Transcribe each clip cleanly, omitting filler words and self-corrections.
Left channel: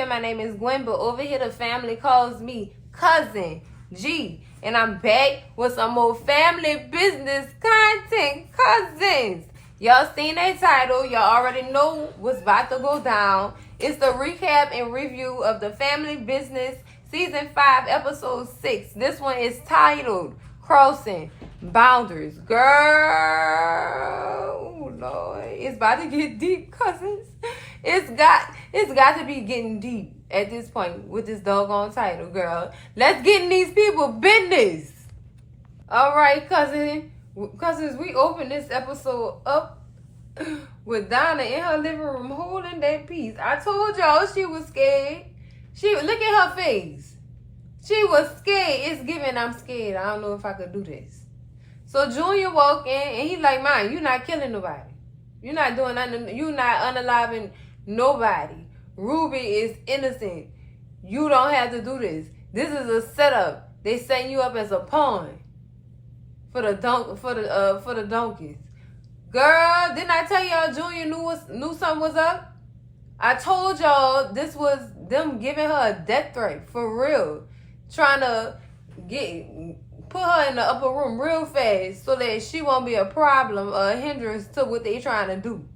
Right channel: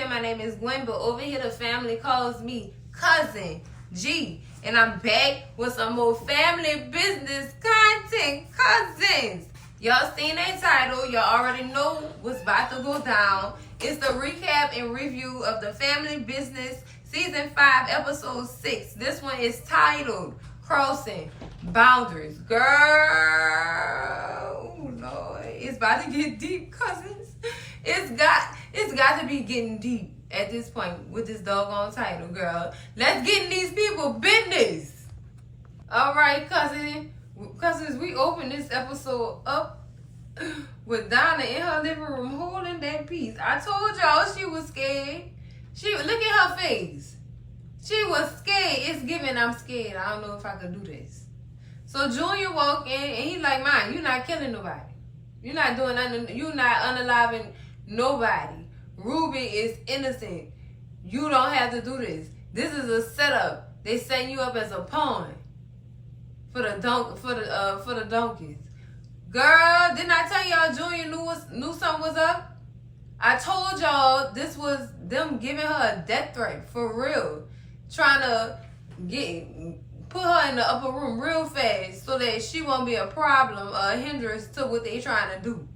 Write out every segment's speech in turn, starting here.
here, my name is Gwen, but over here the family calls me Cousin G. And I'm back with some more family business content, cousins. Y'all seen that title. Y'all already know what's about to go down. It's the recap and review of the Family Business Season 5, Episode 6. This one is titled Crossing Boundaries. Girl, oh Lord, it's about to get deep, cousins. It's got to be getting deep at this point with this doggone title, girl. Let's get in these people business. All right, cousins, we open this episode up with Donna in her living room holding that piece. I told y'all she was scared. Look at her face. She was scared. It's giving I'm scared. I don't know if I could do this. So Junior walk in and he's like, "Man, you're not killing nobody. You're not doing nothing. You're not unaliving nobody. Ruby is innocent. You don't have to do this. This is a setup. They setting you up as a pawn for the donkeys." Girl, didn't I tell y'all Junior knew something was up? I told y'all this was them giving her a death threat for real, trying to put her in the upper room real fast so that she won't be a problem, a hindrance to what they trying to do.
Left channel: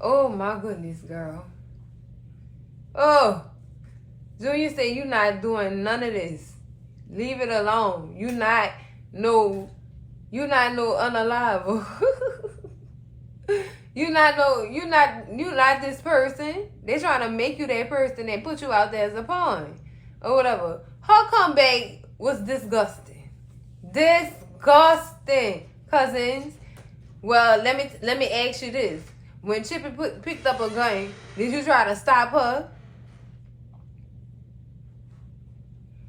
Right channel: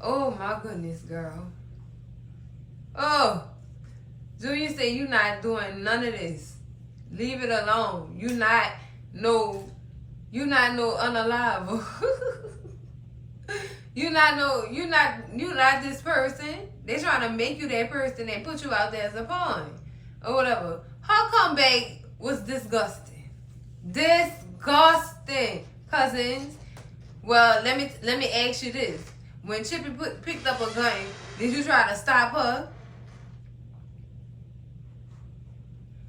Oh my goodness, girl. Oh, Junior said you not doing none of this. Leave it alone. You not no unalive. You not this person. They trying to make you that person and put you out there as a pawn or whatever. Her comeback was disgusting. Disgusting, cousins. Well, let me ask you this. When Chippy picked up a gun, did you try to stop her?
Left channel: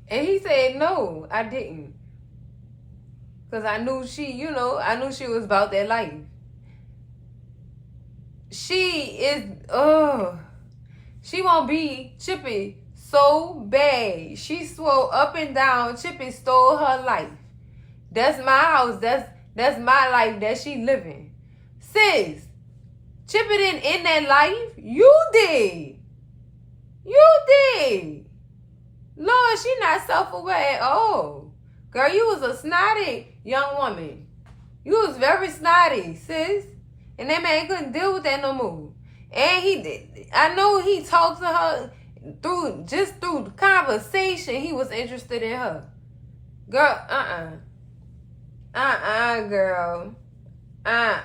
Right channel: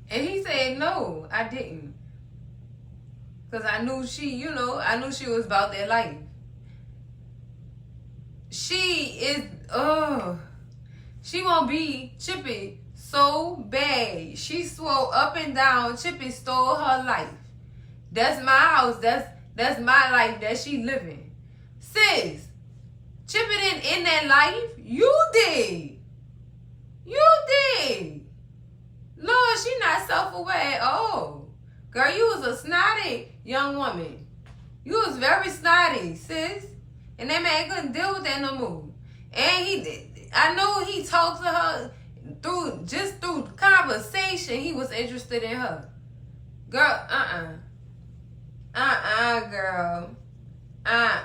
And he said, "No, I didn't. Because I knew she was about that life." She won't be Chippy so bad. She swore up and down Chippy stole her life. That's my house. That's my life that she living. Sis, Chippy didn't end that life. You did. Lord, she not self-aware at all. Girl, you was a snotty young woman. You was very snotty, sis. And that man couldn't deal with that no more. And he did. I know he talked to her through conversation. He was interested in her. Girl, girl. That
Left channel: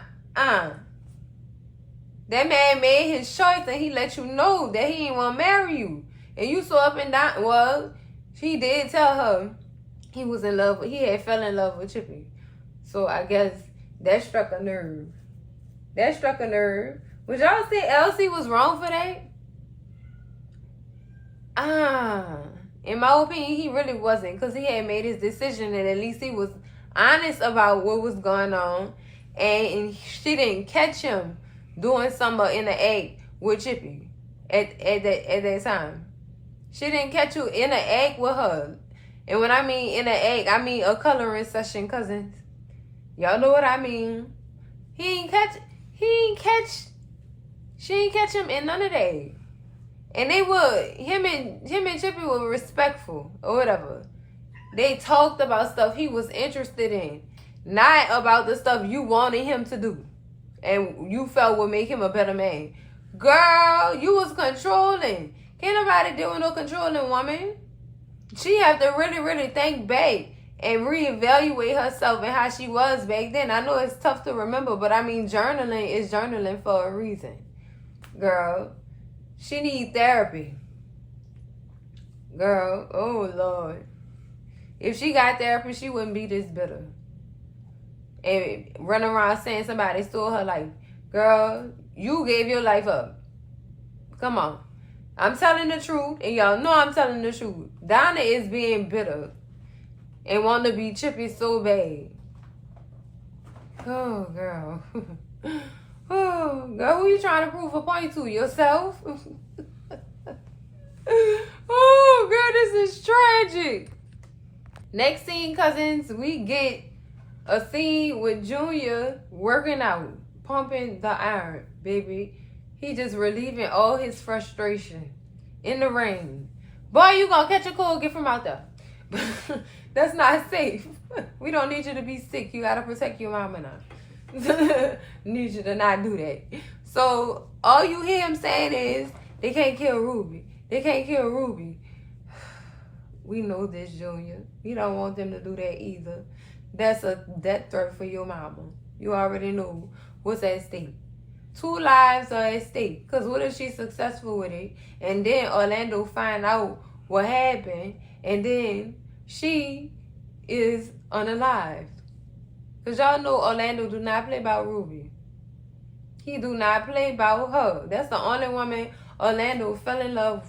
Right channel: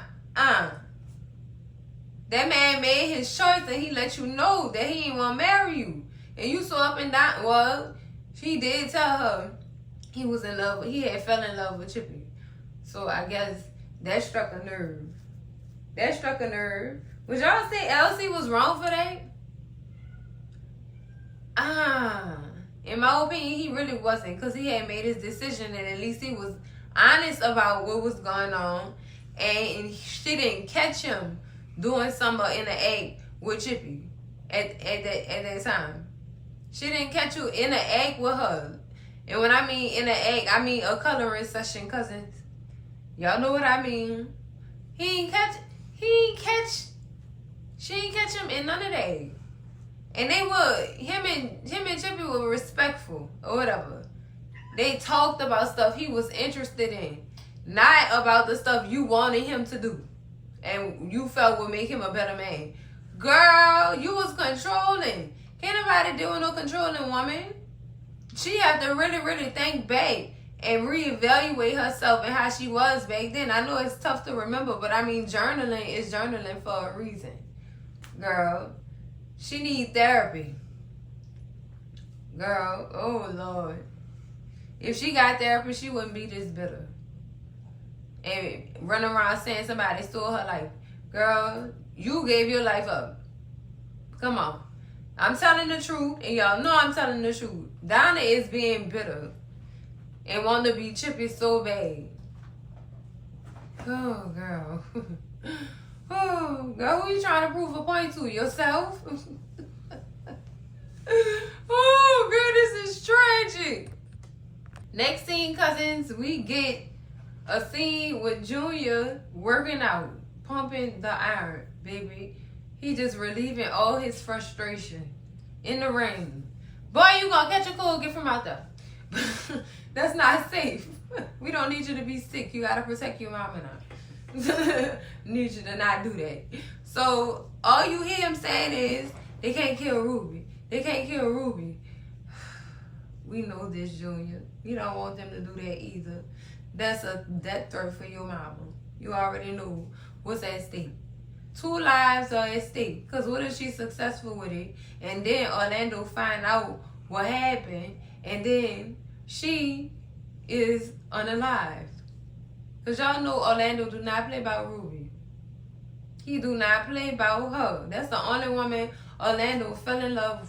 man made his choice and he let you know that he didn't want to marry you. And you saw up and down. Well, he did tell her he was in love. He had fell in love with Chippy. So I guess that struck a nerve. Would y'all say Elsie was wrong for that? In my opinion, he really wasn't, because he had made his decision and at least he was honest about what was going on, and she didn't catch him doing something in the act with Chippy at that time. She didn't catch you in the act with her. And when I mean in the act, I mean a coloring session, cousins. Y'all know what I mean. She didn't catch him in none of that. And him and Chippy were respectful or whatever. They talked about stuff he was interested in, not about the stuff you wanted him to do and you felt would make him a better man. Girl, you was controlling. Can't nobody deal with no controlling woman. She have to really, really think back and reevaluate herself and how she was back then. I know it's tough to remember, but I mean, journaling is journaling for a reason. Girl, she need therapy. Girl, oh Lord. If she got therapy, she wouldn't be this bitter. And running around saying somebody stole her life. Girl, you gave your life up. Come on. I'm telling the truth, and y'all know I'm telling the truth. Donna is being bitter and want to be Chippy so bad. Oh, girl. Oh, girl, who you trying to prove a point to? Yourself? Oh, girl, this is tragic. Next scene, cousins, we get a scene with Junior working out, pumping the iron, baby. He just relieving all his frustration. in the rain. Boy, you gonna catch a cold, get from out there. That's not safe. We don't need you to be sick. You gotta protect your mama now. Need you to not do that. So all you hear him saying is they can't kill Ruby. They can't kill Ruby. We know this, Junior. You don't want them to do that either. That's a death threat for your mama. You already know what's at stake. 2 lives are at stake. Because what if she's successful with it? And then Orlando find out what happened. And then she is unalive. Because y'all know Orlando do not play about Ruby. He do not play about her. That's the only woman Orlando fell in love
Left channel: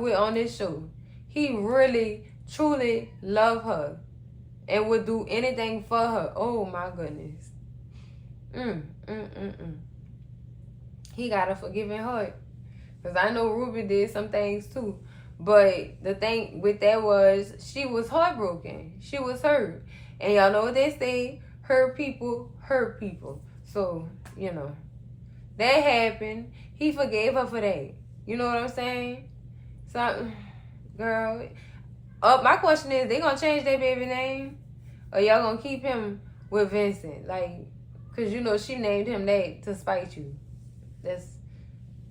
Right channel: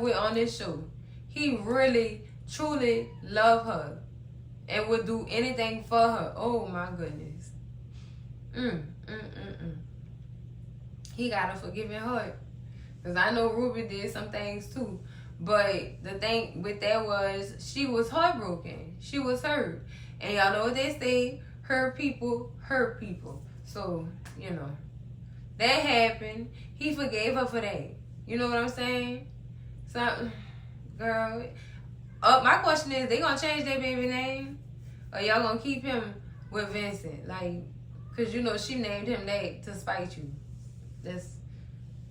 with on this show. He really, truly loved her and would do anything for her. Oh my goodness. He got a forgiving heart. Because I know Ruby did some things too. But the thing with that was she was heartbroken. She was hurt. And y'all know what they say, hurt people hurt people. So, you know, that happened. He forgave her for that. You know what I'm saying? So, girl, my question is, they gonna change their baby name? Or y'all gonna keep him with Vincent? Like, because you know she named him that to spite you. That's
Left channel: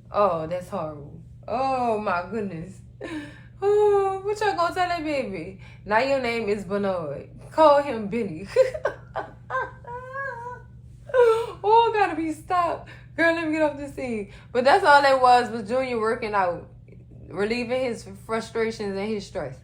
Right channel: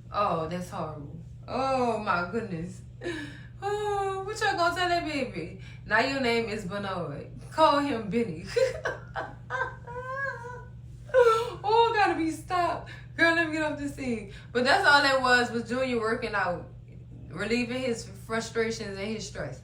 horrible. Oh my goodness. Oh, what y'all gonna tell that baby? Now your name is Bernard. Call him Benny. Oh, gotta be stopped. Girl, let me get off the scene. But that's all that was Junior working out, relieving his frustrations and his stress.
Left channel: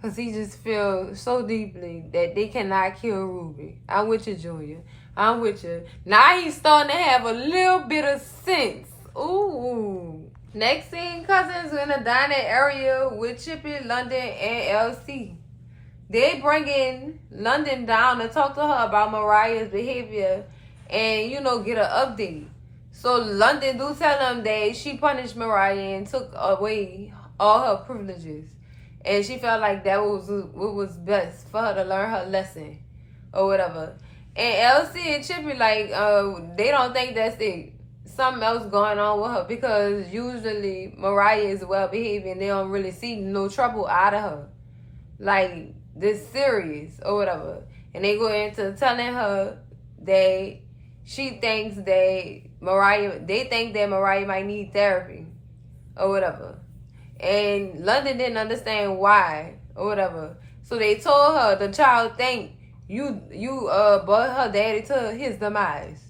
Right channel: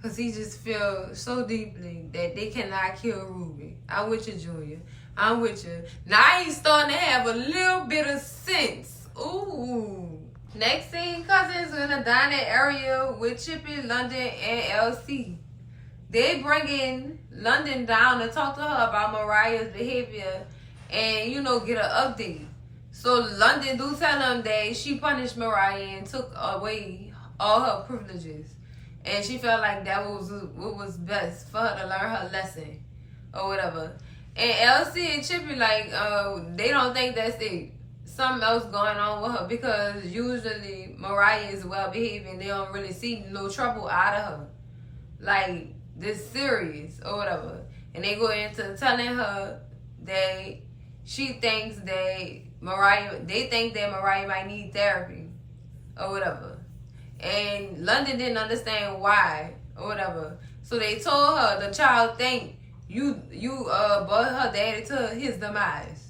Because he just feels so deeply that they cannot kill Ruby. I'm with you, Junior. I'm with you. Now he's starting to have a little bit of sense. Ooh. Next scene, cousins in a dining area with Chippy, London, and LC. They bring in London down to talk to her about Mariah's behavior and, you know, get an update. So London do tell them that she punished Mariah and took away all her privileges. And she felt like that was what was best for her to learn her lesson or whatever. And LC and Chippy, like, they don't think that's it. Something else going on with her because usually Mariah is well behaved and they don't really see no trouble out of her. Like, this serious or whatever. And they go into telling her that she thinks that they think that Mariah might need therapy or whatever. And London didn't understand why or whatever. So they told her the child think you brought her daddy to his demise.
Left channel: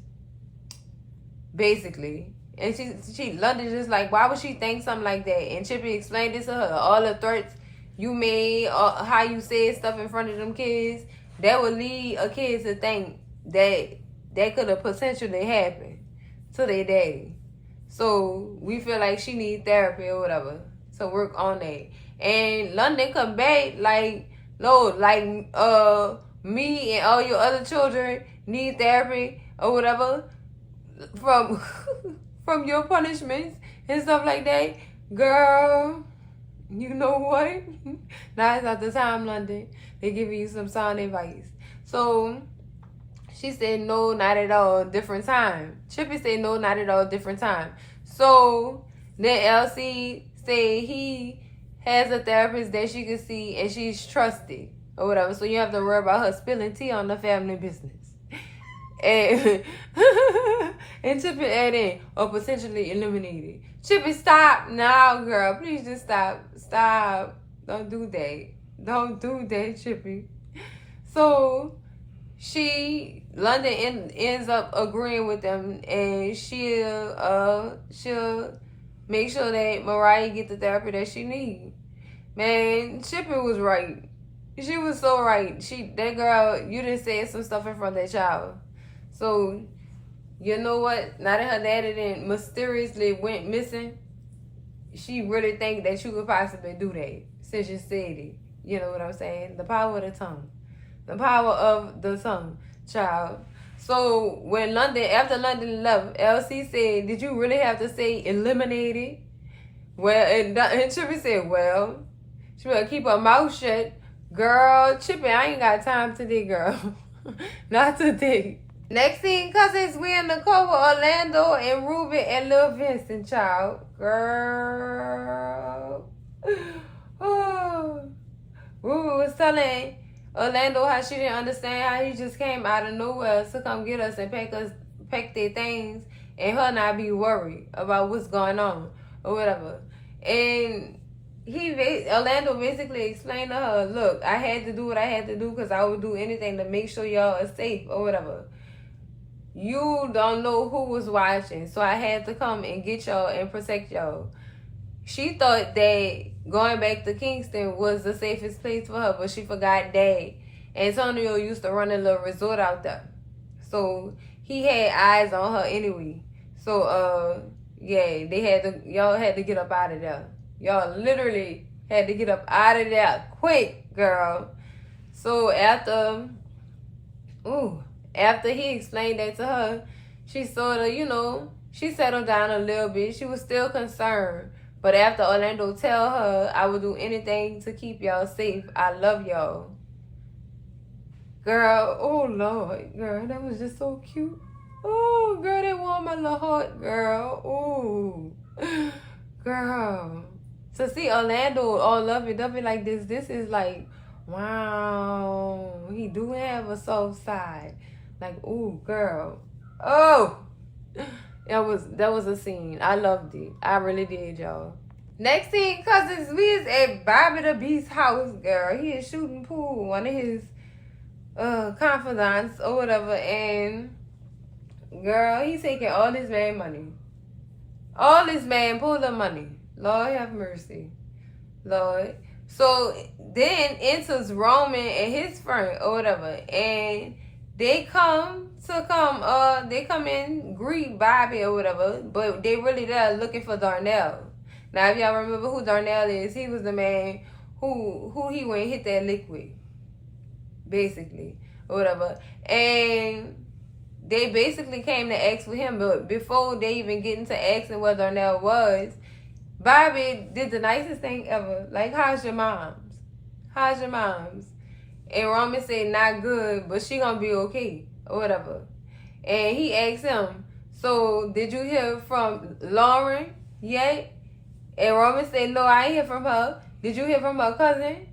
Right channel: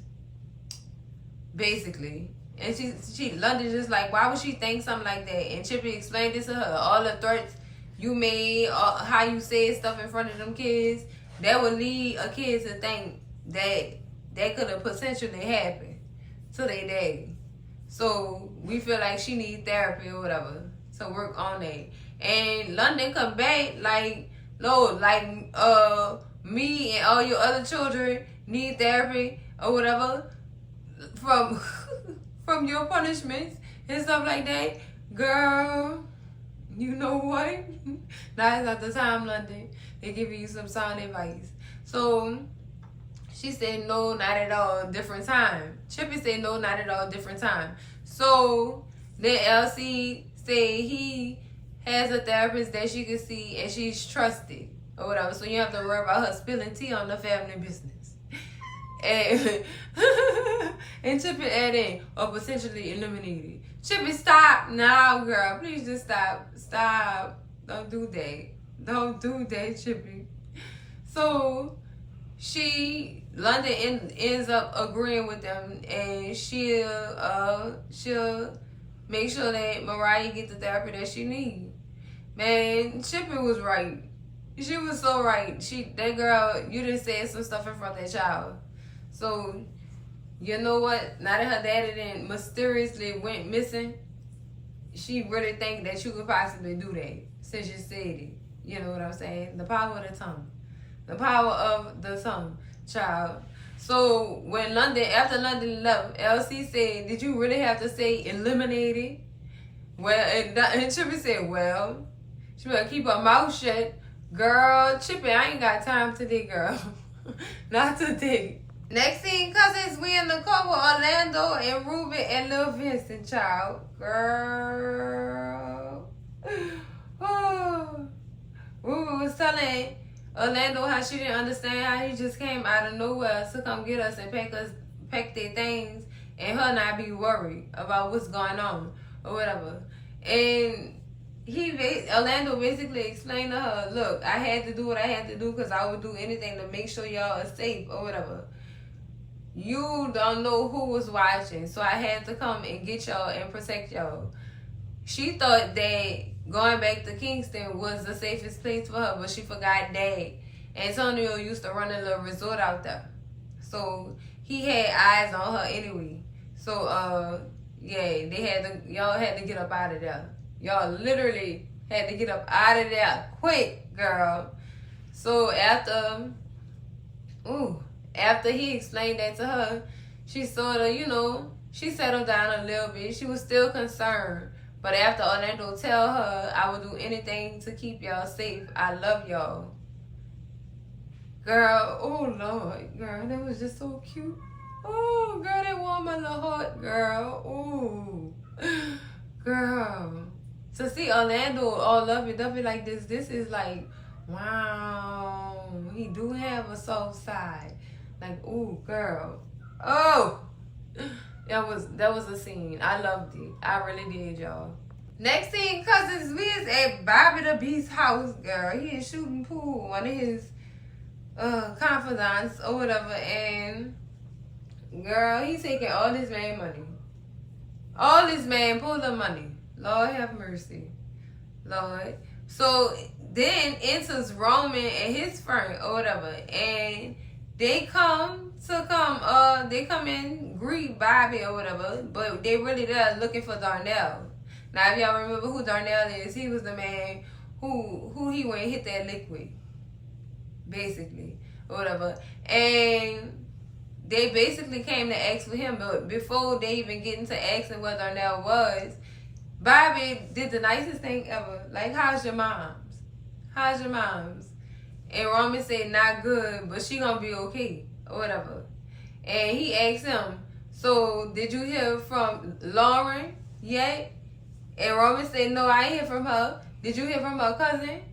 Basically. And she London just like, why would she think something like that? And Chippy explained this to her. All the threats you made, how you said stuff in front of them kids, that would lead a kid to think that could have potentially happened to their daddy. So we feel like she needs therapy or whatever to work on that. And London come back like, no, like me and all your other children need therapy or whatever from your punishments and stuff like that. Girl, you know what? Now it's not the time, London. They're giving you some sound advice. So she said no, not at all, different time. Chippy said no, not at all, different time. So then LC said he has a therapist that she can see and she's trusted or whatever. So you have to worry about her spilling tea on the family business. And, and Chippy added or potentially eliminated. Chippy, stop now, girl. Please just stop. Stop. Don't do that. Don't do that, Chippy. So London ends up agreeing with them, and she'll make sure that Mariah get the therapy that she needs. Man, Chippy was right. She was so right. That girl, you done said some stuff in front of that child. So, you know what? Now that her daddy then mysteriously went missing, she really think that she could possibly do that since you said it. You know what I'm saying? The power of the tongue. The power of the tongue, child. So, after London left, LC said, did you really have to say eliminated? Well, and Chippy said, well, she better keep her mouth shut. Girl, Chippy, I ain't got time today, girl. Not today. Next scene, cousins, we in the car with Orlando and Ruben and Lil Vincent, child. Girl. Oh. Ruben was telling Orlando how she didn't understand how he just came out of nowhere to come get us and pack their things, and her not be worried about what's going on or whatever. And Orlando basically explained to her, look, I had to do what I had to do because I would do anything to make sure y'all are safe or whatever. You don't know who was watching, so I had to come and get y'all and protect y'all. She thought that going back to Kingston was the safest place for her, but she forgot that Antonio used to run a little resort out there. So he had eyes on her anyway. So yeah, y'all had to get up out of there. Y'all literally had to get up out of there quick, girl. So after he explained that to her, she sort of, she settled down a little bit. She was still concerned. But after Orlando tell her, I would do anything to keep y'all safe. I love y'all. Girl, oh Lord, girl, that was just so cute. Oh, girl, that warmed my little heart, girl. Oh, girl. To see Orlando all lovey-dovey like this is like, wow. He do have a soft side. Like, ooh, girl. Oh, that was a scene. I loved it. I really did, y'all. Next scene, cousins, we is at Bobby the Beast's house, girl. He is shooting pool, one of his confidants or whatever, and girl, he taking all this man money. All this man pull of money. Lord have mercy. Lord. So then enters Roman and his friend or whatever, and they come in, greet Bobby or whatever, but they really there looking for Darnell. Now, if y'all remember who Darnell is, he was the man who he went and hit that lick with, basically, or whatever. And they basically came to ask for him, but before they even get into asking what Darnell was, Bobby did the nicest thing ever. Like, how's your mom's? How's your mom's? And Roman said, not good, but she gonna be okay, or whatever. And he asked him, so did you hear from Lauren yet? And Roman said, no, I ain't hear from her. Did you hear from her cousin?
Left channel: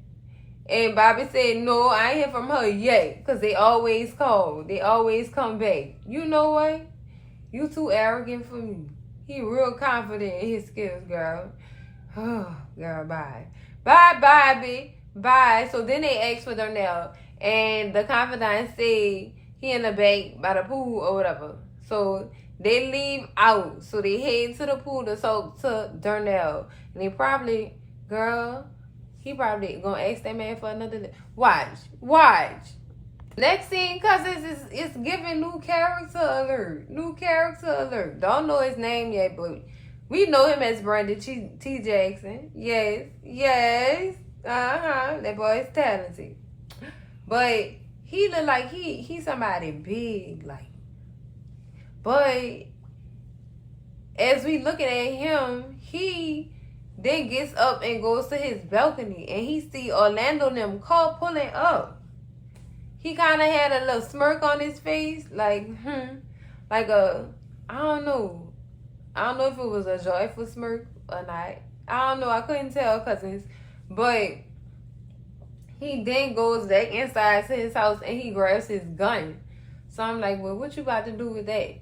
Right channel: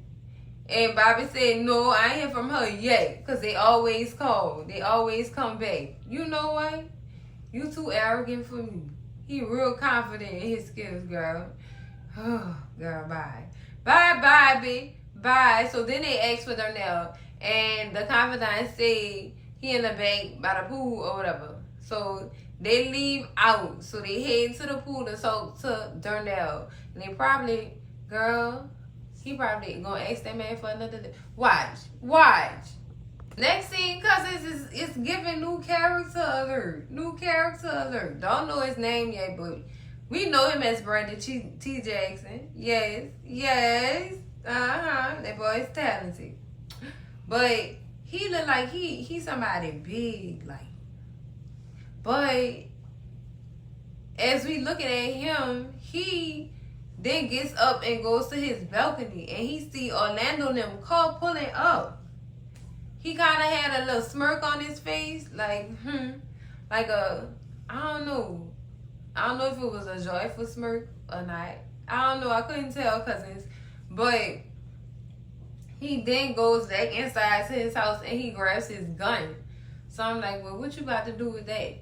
And Bobby said, no, I ain't hear from her yet, because they always call. They always come back. You know what? You too arrogant for me. He real confident in his skills, girl. Oh, girl, bye. Bye, Bobby. Bye. So then they asked for Darnell, and the confidant said he in the back by the pool or whatever. So they leave out. So they head to the pool to talk to Darnell. And he probably gonna ask that man for another. Watch. Next scene, cousins, is giving new character alert. Don't know his name yet, but we know him as Brandon T. Jackson. Yes. That boy is talented. But he look like he's somebody big, like. But as we looking at him, he then gets up and goes to his balcony, and he see Orlando and them car pulling up. He kind of had a little smirk on his face, like I don't know if it was a joyful smirk or not. I don't know. I couldn't tell, cousins. But he then goes back inside to his house and he grabs his gun. So I'm like, well, what you about to do with that?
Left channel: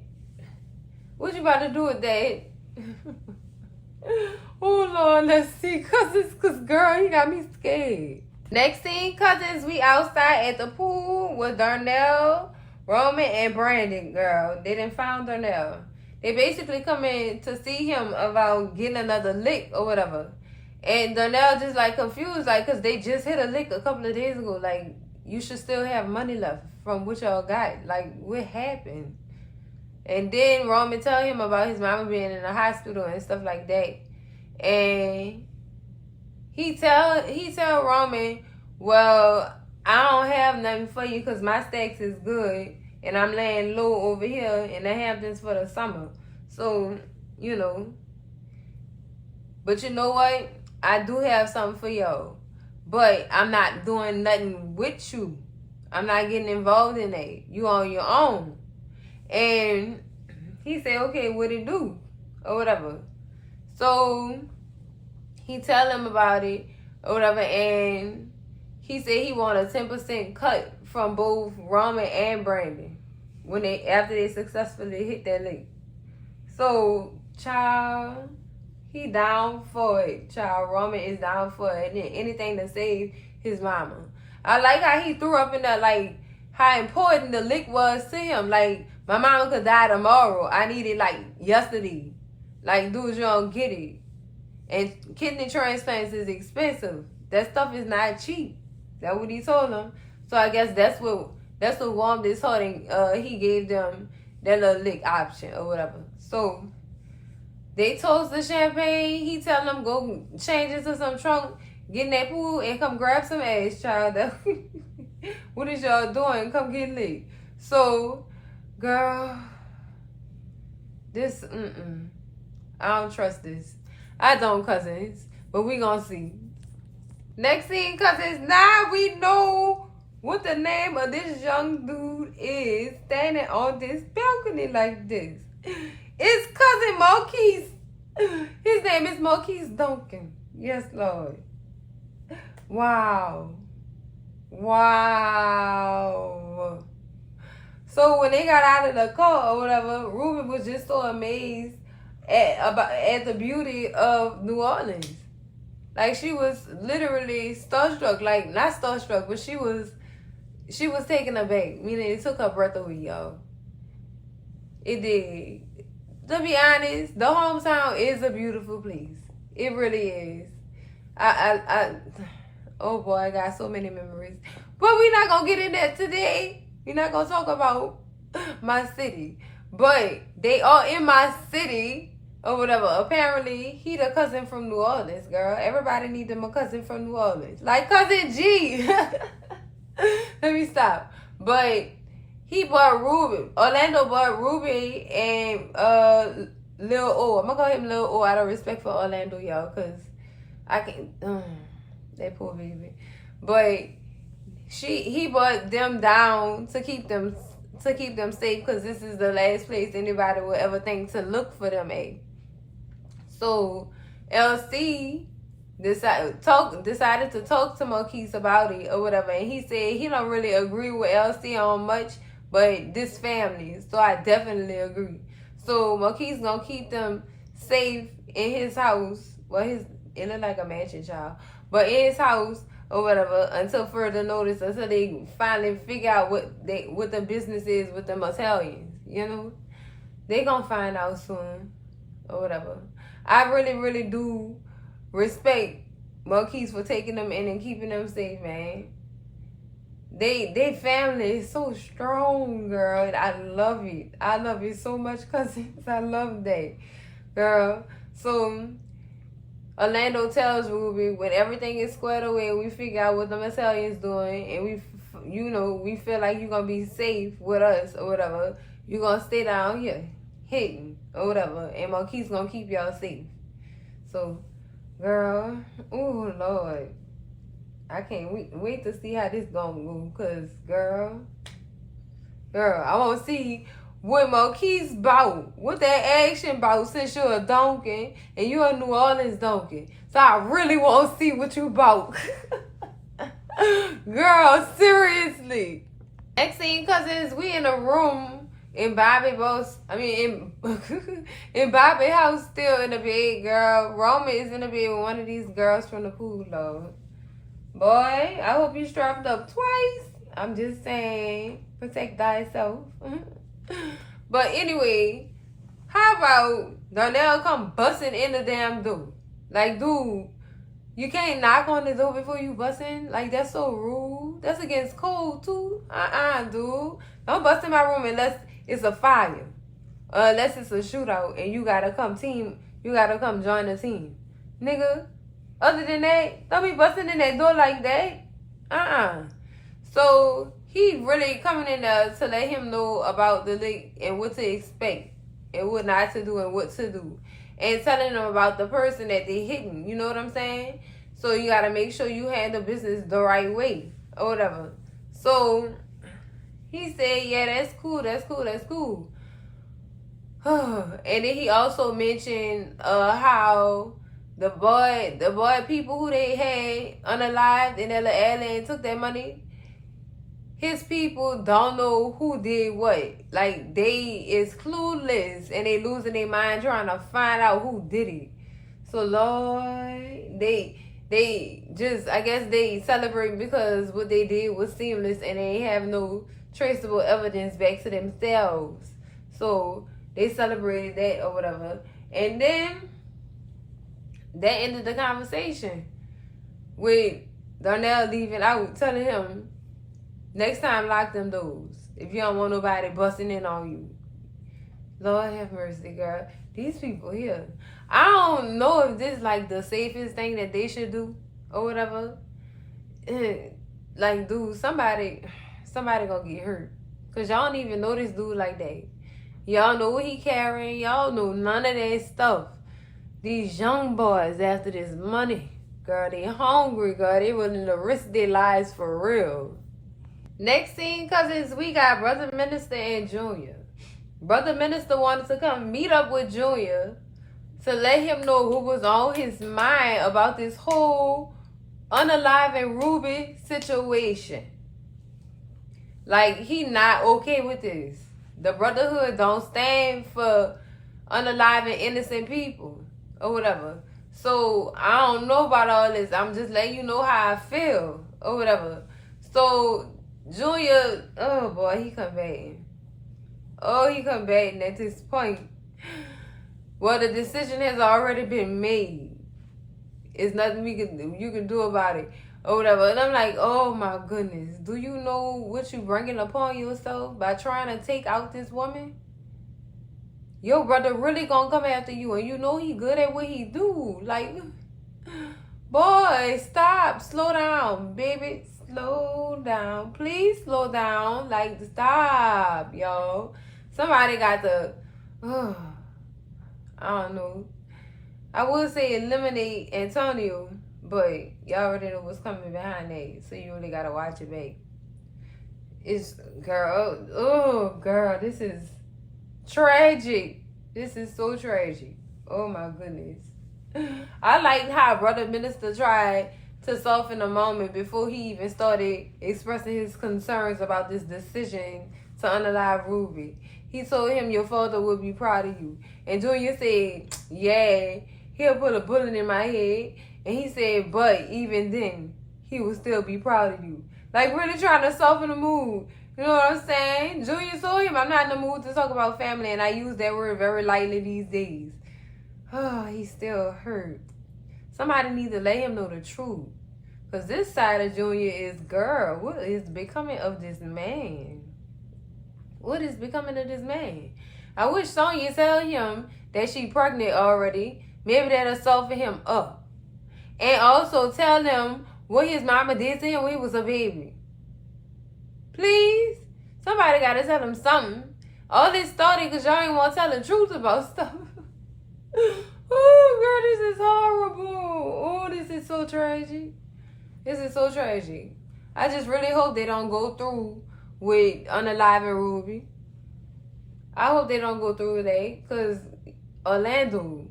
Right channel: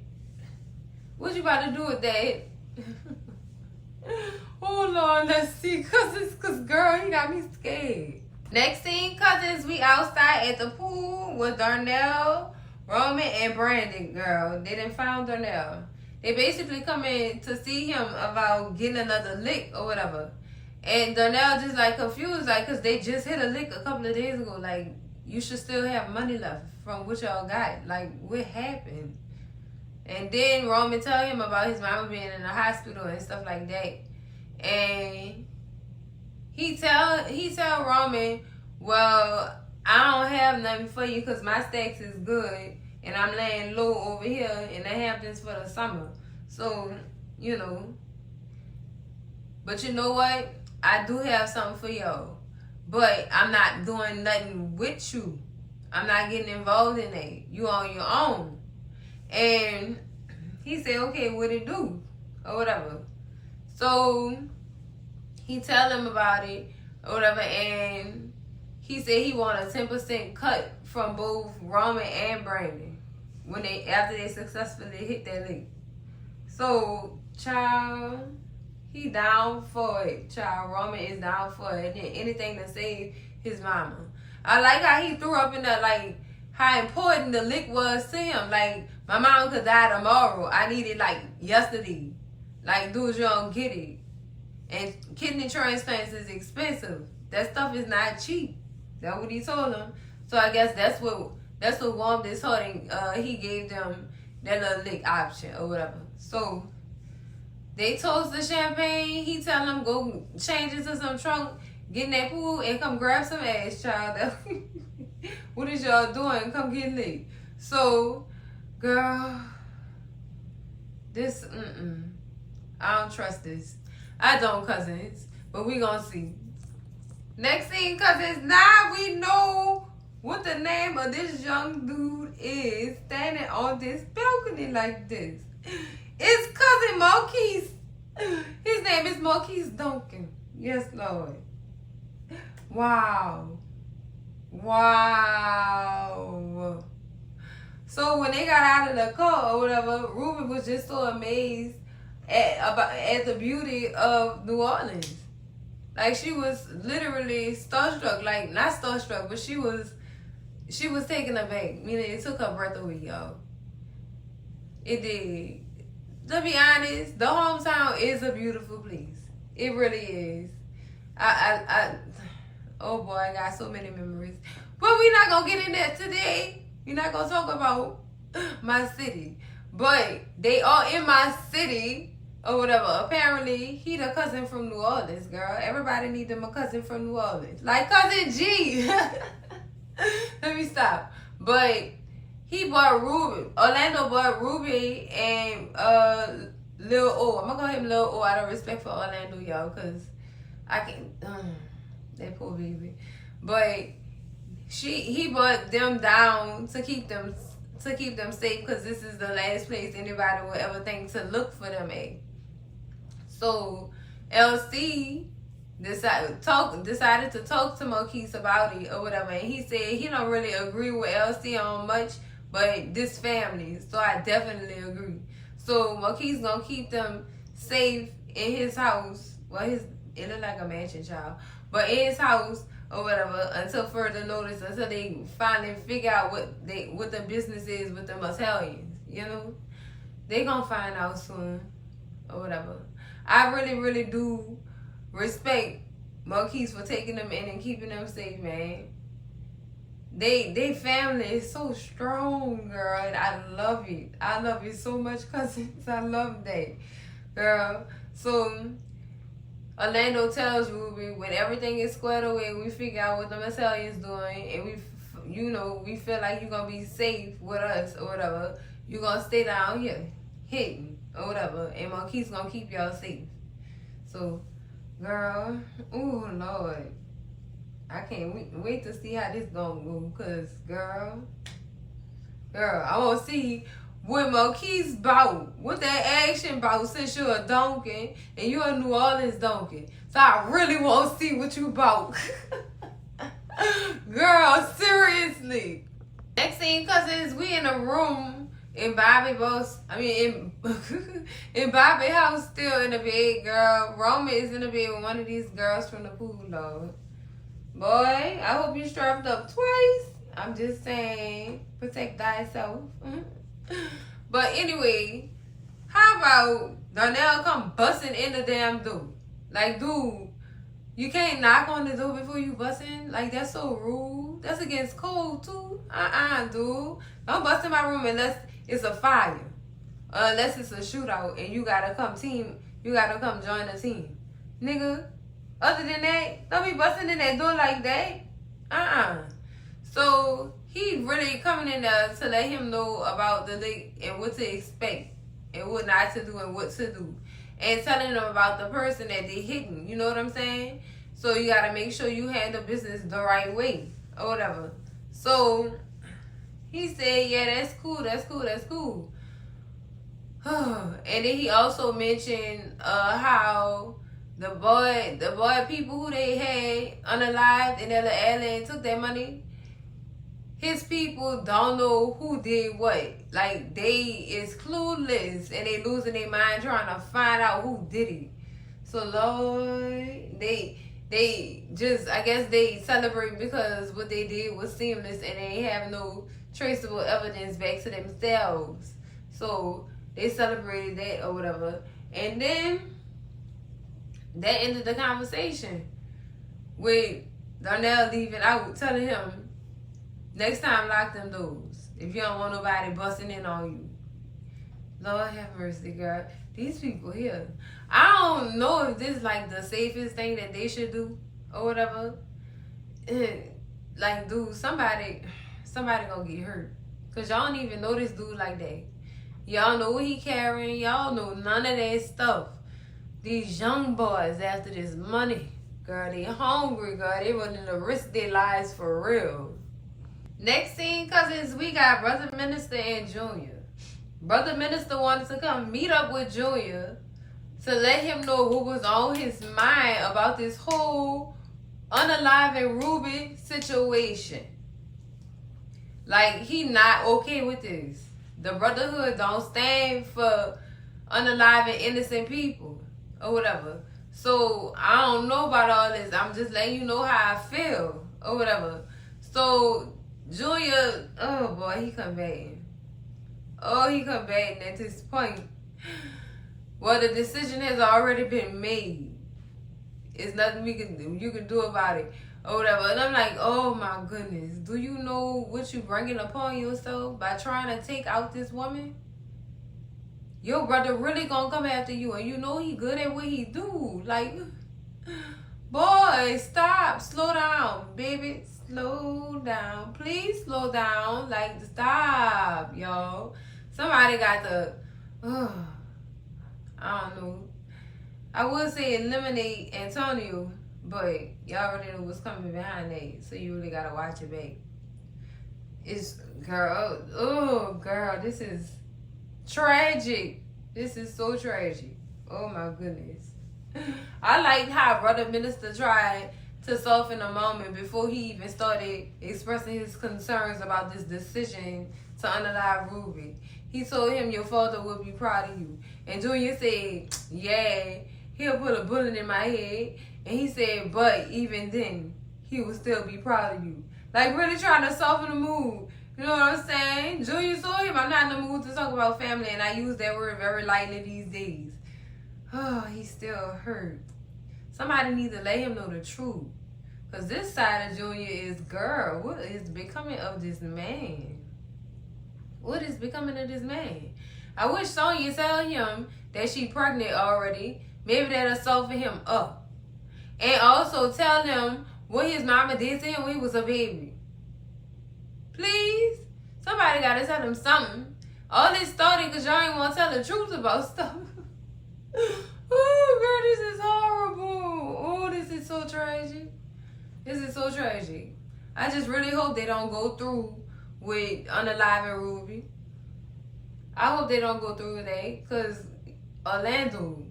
What you about to do with that? Oh, Lord, let's see. Cause girl, you got me scared. Next scene, cousins, we outside at the pool with Darnell, Roman, and Brandon, girl. They done found Darnell. They basically come in to see him about getting another lick or whatever. And Darnell just like confused, like, cause they just hit a lick a couple of days ago. Like, you should still have money left from what y'all got. Like, what happened? And then Roman tell him about his mama being in the hospital and stuff like that. And he tell Roman, well, I don't have nothing for you because my stacks is good and I'm laying low over here in the Hamptons for the summer. So, but you know what? I do have something for y'all. But I'm not doing nothing with you. I'm not getting involved in that. You on your own. And he said, okay, what it do? Or whatever. So he tell him about it or whatever, and he said he want a 10% cut from both Roman and Brandon after they successfully hit that lick. So, child, he down for it. Child, Roman is down for it. And anything to save his mama. I like how he threw up in that, like, how important the lick was to him. Like, my mom could die tomorrow. I need it, like, yesterday. Like, dudes, you don't get it. And kidney transplants is expensive. That stuff is not cheap. That's what he told them. So I guess that's what warmed his heart, and he gave them that little lick option or whatever. So they toast the champagne. He tell them go change into some trunk, get in that pool, and come grab some ass, child. What is y'all doing? Come get lit. So, girl, this I don't trust this. I don't, cousins, but we gonna see. Next thing, cousins, now we know what the name of this young dude is standing on this balcony like this. It's cousin Marquise. His name is Marquise Duncan. Yes, Lord. Wow. Wow. So when they got out of the car or whatever, Ruben was just so amazed at the beauty of New Orleans. Like, she was literally starstruck. Like, not starstruck, but she was taken aback. Meaning it took her breath away, y'all. It did. To be honest, the hometown is a beautiful place. It really is. Oh boy, I got so many memories. But we're not gonna get in that today. We're not gonna talk about my city. But they are in my city or whatever. Apparently, he the cousin from New Orleans, girl. Everybody need them a cousin from New Orleans. Like Cousin G. Let me stop. But he bought Ruby. Orlando bought Ruby and Lil O. I'm gonna call him Lil O out of respect for Orlando, y'all, because I can that poor baby. But he bought them down to keep them safe, because this is the last place anybody will ever think to look for them at. So LC decided to talk to Marquise about it or whatever, and he said he don't really agree with LC on much, but this family, so I definitely agree. So Marquise gonna keep them safe in his house. Well, it look like a mansion, child, but in his house or whatever until further notice, until they finally figure out what the business is with the Italians. You know, they gonna find out soon or whatever. I really, really do respect Marquise for taking them in and keeping them safe, man. They family is so strong, girl. I love it. I love it so much, cousins. I love that, girl. So Orlando tells Ruby when everything is squared away, we figure out what the Italians doing, and we feel like you're gonna be safe with us or whatever. You're gonna stay down here, hitting or whatever, and Marquise gonna keep y'all safe. So, girl, oh Lord, I can't wait to see how this gonna go, cause girl, I wanna see what Marquise bout, what that action bout, since you're a donkey and you're a New Orleans donkey. So I really want to see what you bout. Girl, seriously. Next thing, cousins, we in a room in Bobby house, still in the bed, girl. Roman is in the bed with one of these girls from the pool, Lord. Boy, I hope you strapped up twice. I'm just saying, protect thyself. But anyway, how about Darnell come busting in the damn door? Like, dude, you can't knock on the door before you bust in? Like, that's so rude. That's against code, too. Dude. Don't bust in my room unless it's a fire. Unless it's a shootout and you gotta come join the team. Nigga, other than that, don't be busting in that door like that. So he really coming in there to let him know about the lick and what to expect and what not to do and what to do. And telling them about the person that they hitting. You know what I'm saying? So you got to make sure you handle business the right way or whatever. So he said, yeah, that's cool. And then he also mentioned how the boy people who they had unalived and the alien took their money. His people don't know who did what. Like, they is clueless and they losing their mind trying to find out who did it. So Lord, they just, I guess they celebrate because what they did was seamless and they have no traceable evidence back to themselves. So they celebrated that or whatever. And then that ended the conversation with Darnell leaving out, telling him, next time lock them doors if you don't want nobody busting in on you. Lord have mercy, girl. These people here. I don't know if this is like the safest thing that they should do or whatever. Like, dude, somebody gonna get hurt. Cause y'all don't even know this dude like that. Y'all know what he carrying. Y'all know none of that stuff. These young boys after this money. Girl, they hungry, girl. They willing to risk their lives for real. Next scene, cousins, we got Brother Minister and Junior. Brother Minister wanted to come meet up with Junior to let him know what was on his mind about this whole unaliving Ruby situation. Like, he not okay with this. The Brotherhood don't stand for unaliving innocent people or whatever. So, I don't know about all this. I'm just letting you know how I feel or whatever. So, Junior, oh boy, he come back. Oh, he come back, and at this point, well, the decision has already been made. It's nothing you can do about it or whatever. And I'm like, oh my goodness, do you know what you bringing upon yourself by trying to take out this woman? Your brother really gonna come after you, and you know he good at what he do. Like, boy, stop, slow down, baby. Slow down. Please slow down. Like, stop, y'all. Somebody got to, I don't know. I would say eliminate Antonio, but y'all already know what's coming behind that. So you really got to watch it back. It's, girl, girl, this is tragic. This is so tragic. Oh, my goodness. I liked how Brother Minister tried to soften the moment before he even started expressing his concerns about this decision to unalive Ruby. He told him your father would be proud of you. And Junior said, yeah, he'll put a bullet in my head. And he said, but even then, he will still be proud of you. Like, really trying to soften the mood. You know what I'm saying? Junior told him, I'm not in the mood to talk about family. And I use that word very lightly these days. Oh, he's still hurt. Somebody needs to let him know the truth. Because this side of Junior is, girl, what is becoming of this man? What is becoming of this man? I wish Sonya tell him that she pregnant already. Maybe that'll soften him up. And also tell him what his mama did to him when he was a baby. Please? Somebody got to tell him something. All this started because y'all ain't want to tell the truth about stuff. Oh, girl, this is horrible. Oh, this is so tragic. This is so tragic. I just really hope they don't go through with unaliving Ruby. I hope they don't go through with that. Because Orlando,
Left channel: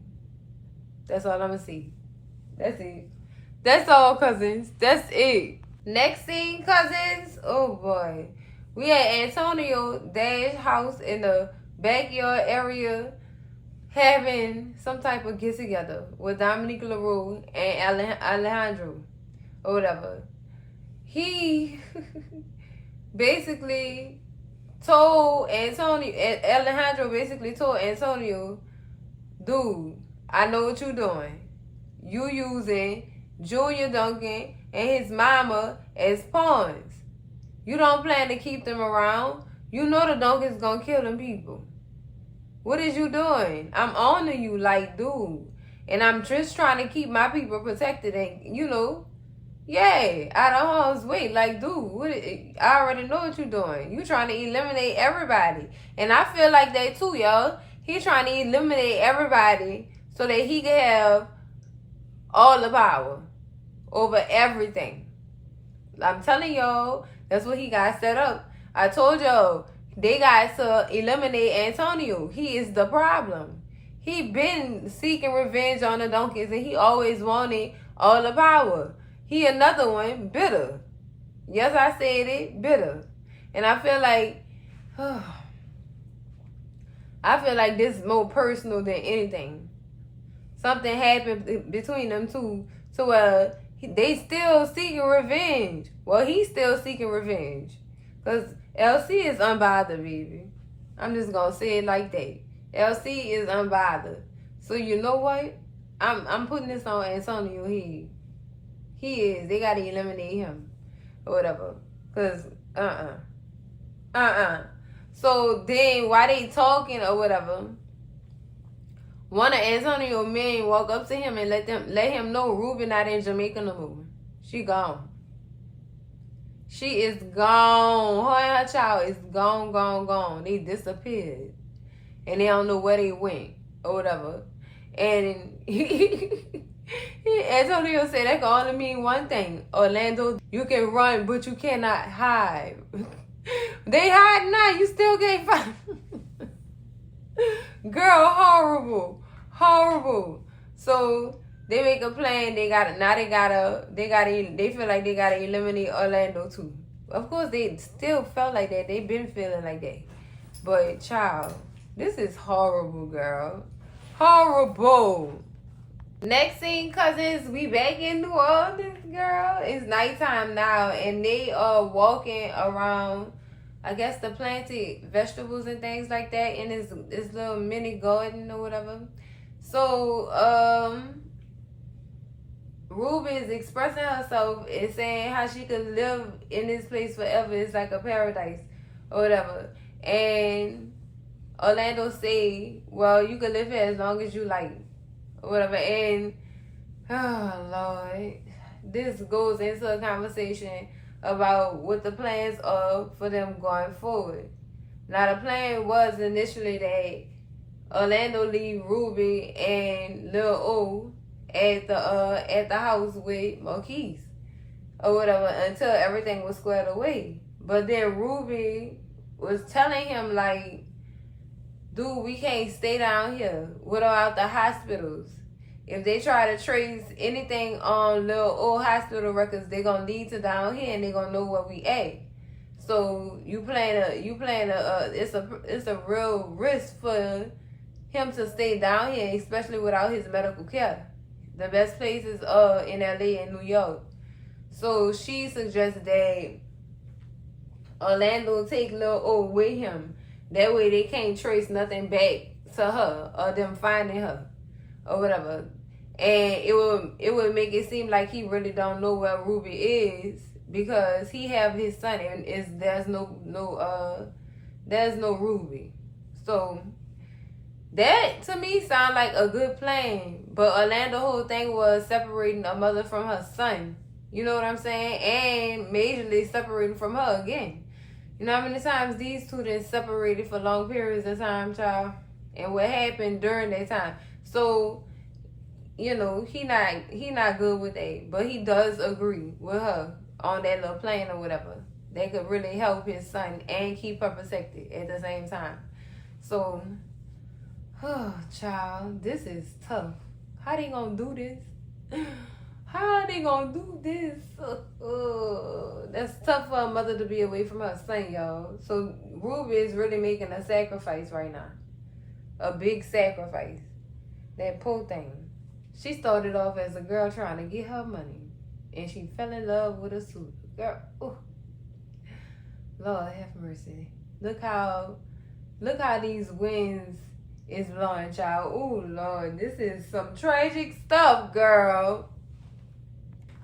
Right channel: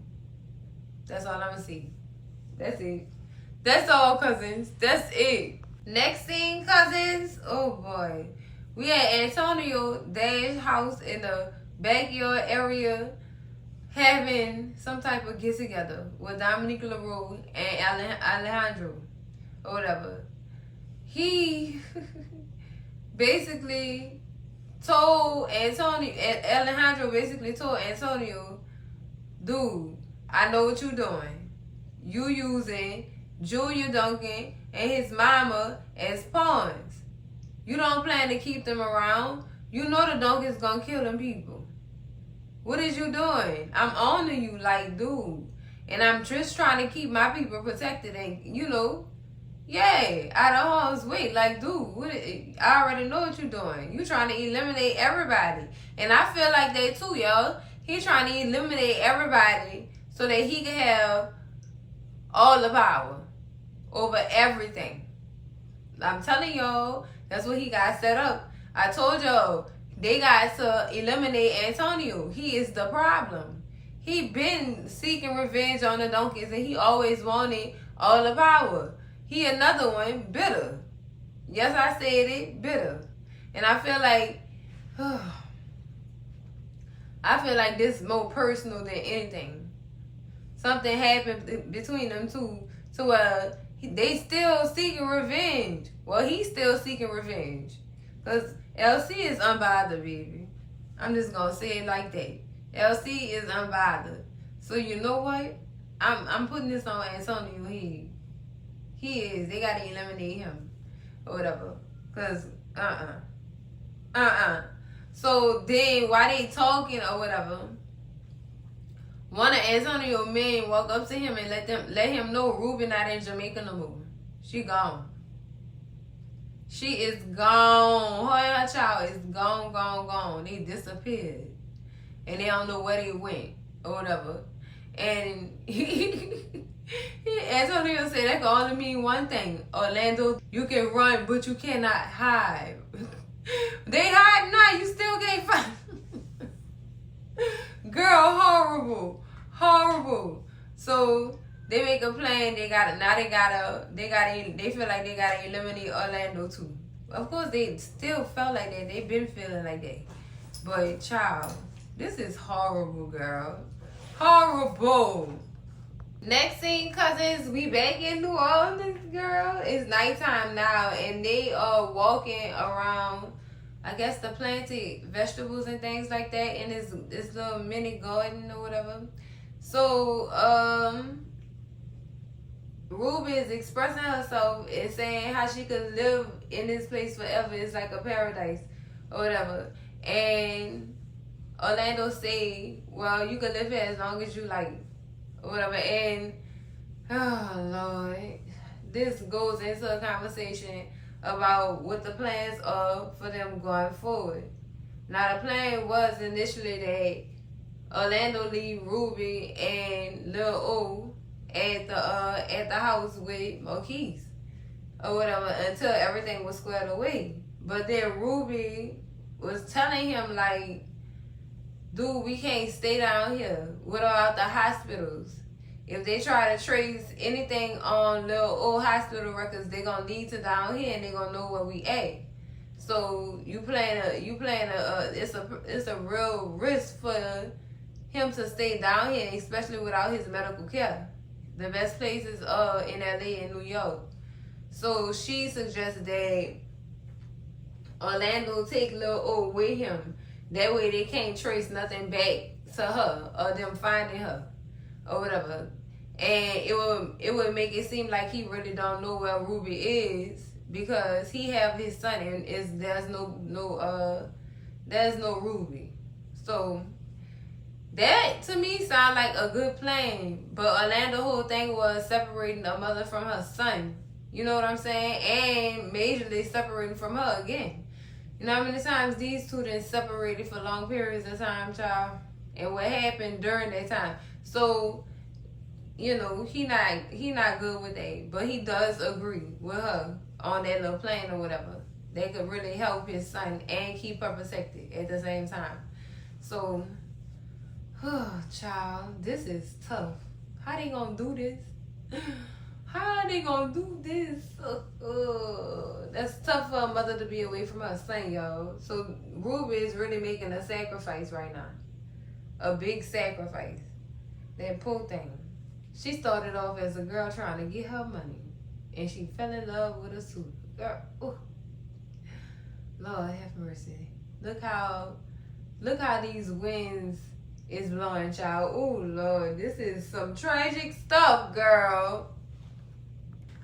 that's all I'm going to see. That's it. That's all, cousins. That's it. Next scene, cousins. Oh, boy. We at Antonio Dash house in the backyard area having some type of get together with Dominique LaRue and Alejandro or whatever. He basically told Alejandro basically told Antonio, dude, I know what you're doing. You using Junior Duncan and his mama as pawns. You don't plan to keep them around. You know the Duncan's gonna kill them people. What is you doing? I'm owning you like, dude. And I'm just trying to keep my people protected and, you know, yeah, out of harm's way. Like, dude, I already know what you're doing. You trying to eliminate everybody. And I feel like that too, y'all. He's trying to eliminate everybody so that he can have all the power over everything. I'm telling y'all, that's what he got set up. I told y'all, they got to eliminate Antonio. He is the problem. He been seeking revenge on the donkeys, and he always wanted all the power. He another one, bitter. Yes, I said it, bitter. And I feel like this is more personal than anything. Something happened between them two to they still seeking revenge. Well, he's still seeking revenge. Because LC is unbothered, baby. I'm just going to say it like that. LC is unbothered. So you know what? I'm putting this on Antonio. He is. They got to eliminate him. Or whatever. Because, So then, while they talking or whatever, one of Antonio men walk up to him and let him know Ruby not in Jamaica no more. She gone. She is gone. Her and her child is gone. They disappeared. And they don't know where they went or whatever. And Antonio said that can only mean one thing. Orlando, you can run, but you cannot hide. They hide now. You still can't find. Girl, horrible. So they make a plan. They feel like they gotta eliminate Orlando too. Of course, they still felt like that. They've been feeling like that. But child, this is horrible, girl. Horrible. Next scene, cousins, we back in New Orleans, girl. It's nighttime now, and they are walking around, I guess, the planted vegetables and things like that in this little mini garden or whatever. So, Ruby is expressing herself and saying how she could live in this place forever. It's like a paradise or whatever. And Orlando say, well, you can live here as long as you like or whatever. And, oh, Lord, this goes into a conversation about what the plans are for them going forward. Now, the plan was initially that Orlando leave Ruby and Lil O at the house with Marquise or whatever until everything was squared away. But then Ruby was telling him like, dude, we can't stay down here without the hospitals. If they try to trace anything on Lil O hospital records, they're gonna lead to down here and they're gonna know where we at. So it's a real risk for him to stay down here, especially without his medical care. The best places are in LA and New York. So she suggests that Orlando take Lil O with him. That way they can't trace nothing back to her or them finding her or whatever. And it would make it seem like he really don't know where Ruby is because he have his son and there's no Ruby. So that to me sound like a good plan. But Orlando's whole thing was separating a mother from her son. You know what I'm saying? And majorly separating from her again. You know how many times these two then separated for long periods of time, child? And what happened during that time. So, you know, he not good with that. But he does agree with her on that little plan or whatever. They could really help his son and keep her protected at the same time. So, oh, child, this is tough. How they gonna do this? How are they gonna do this? That's tough for a mother to be away from her son, y'all. So Ruby is really making a sacrifice right now. A big sacrifice. That poor thing. She started off as a girl trying to get her money. And she fell in love with a super girl. Ooh. Lord have mercy. Look how these winds is blowing, child. Oh Lord, this is some tragic stuff, girl.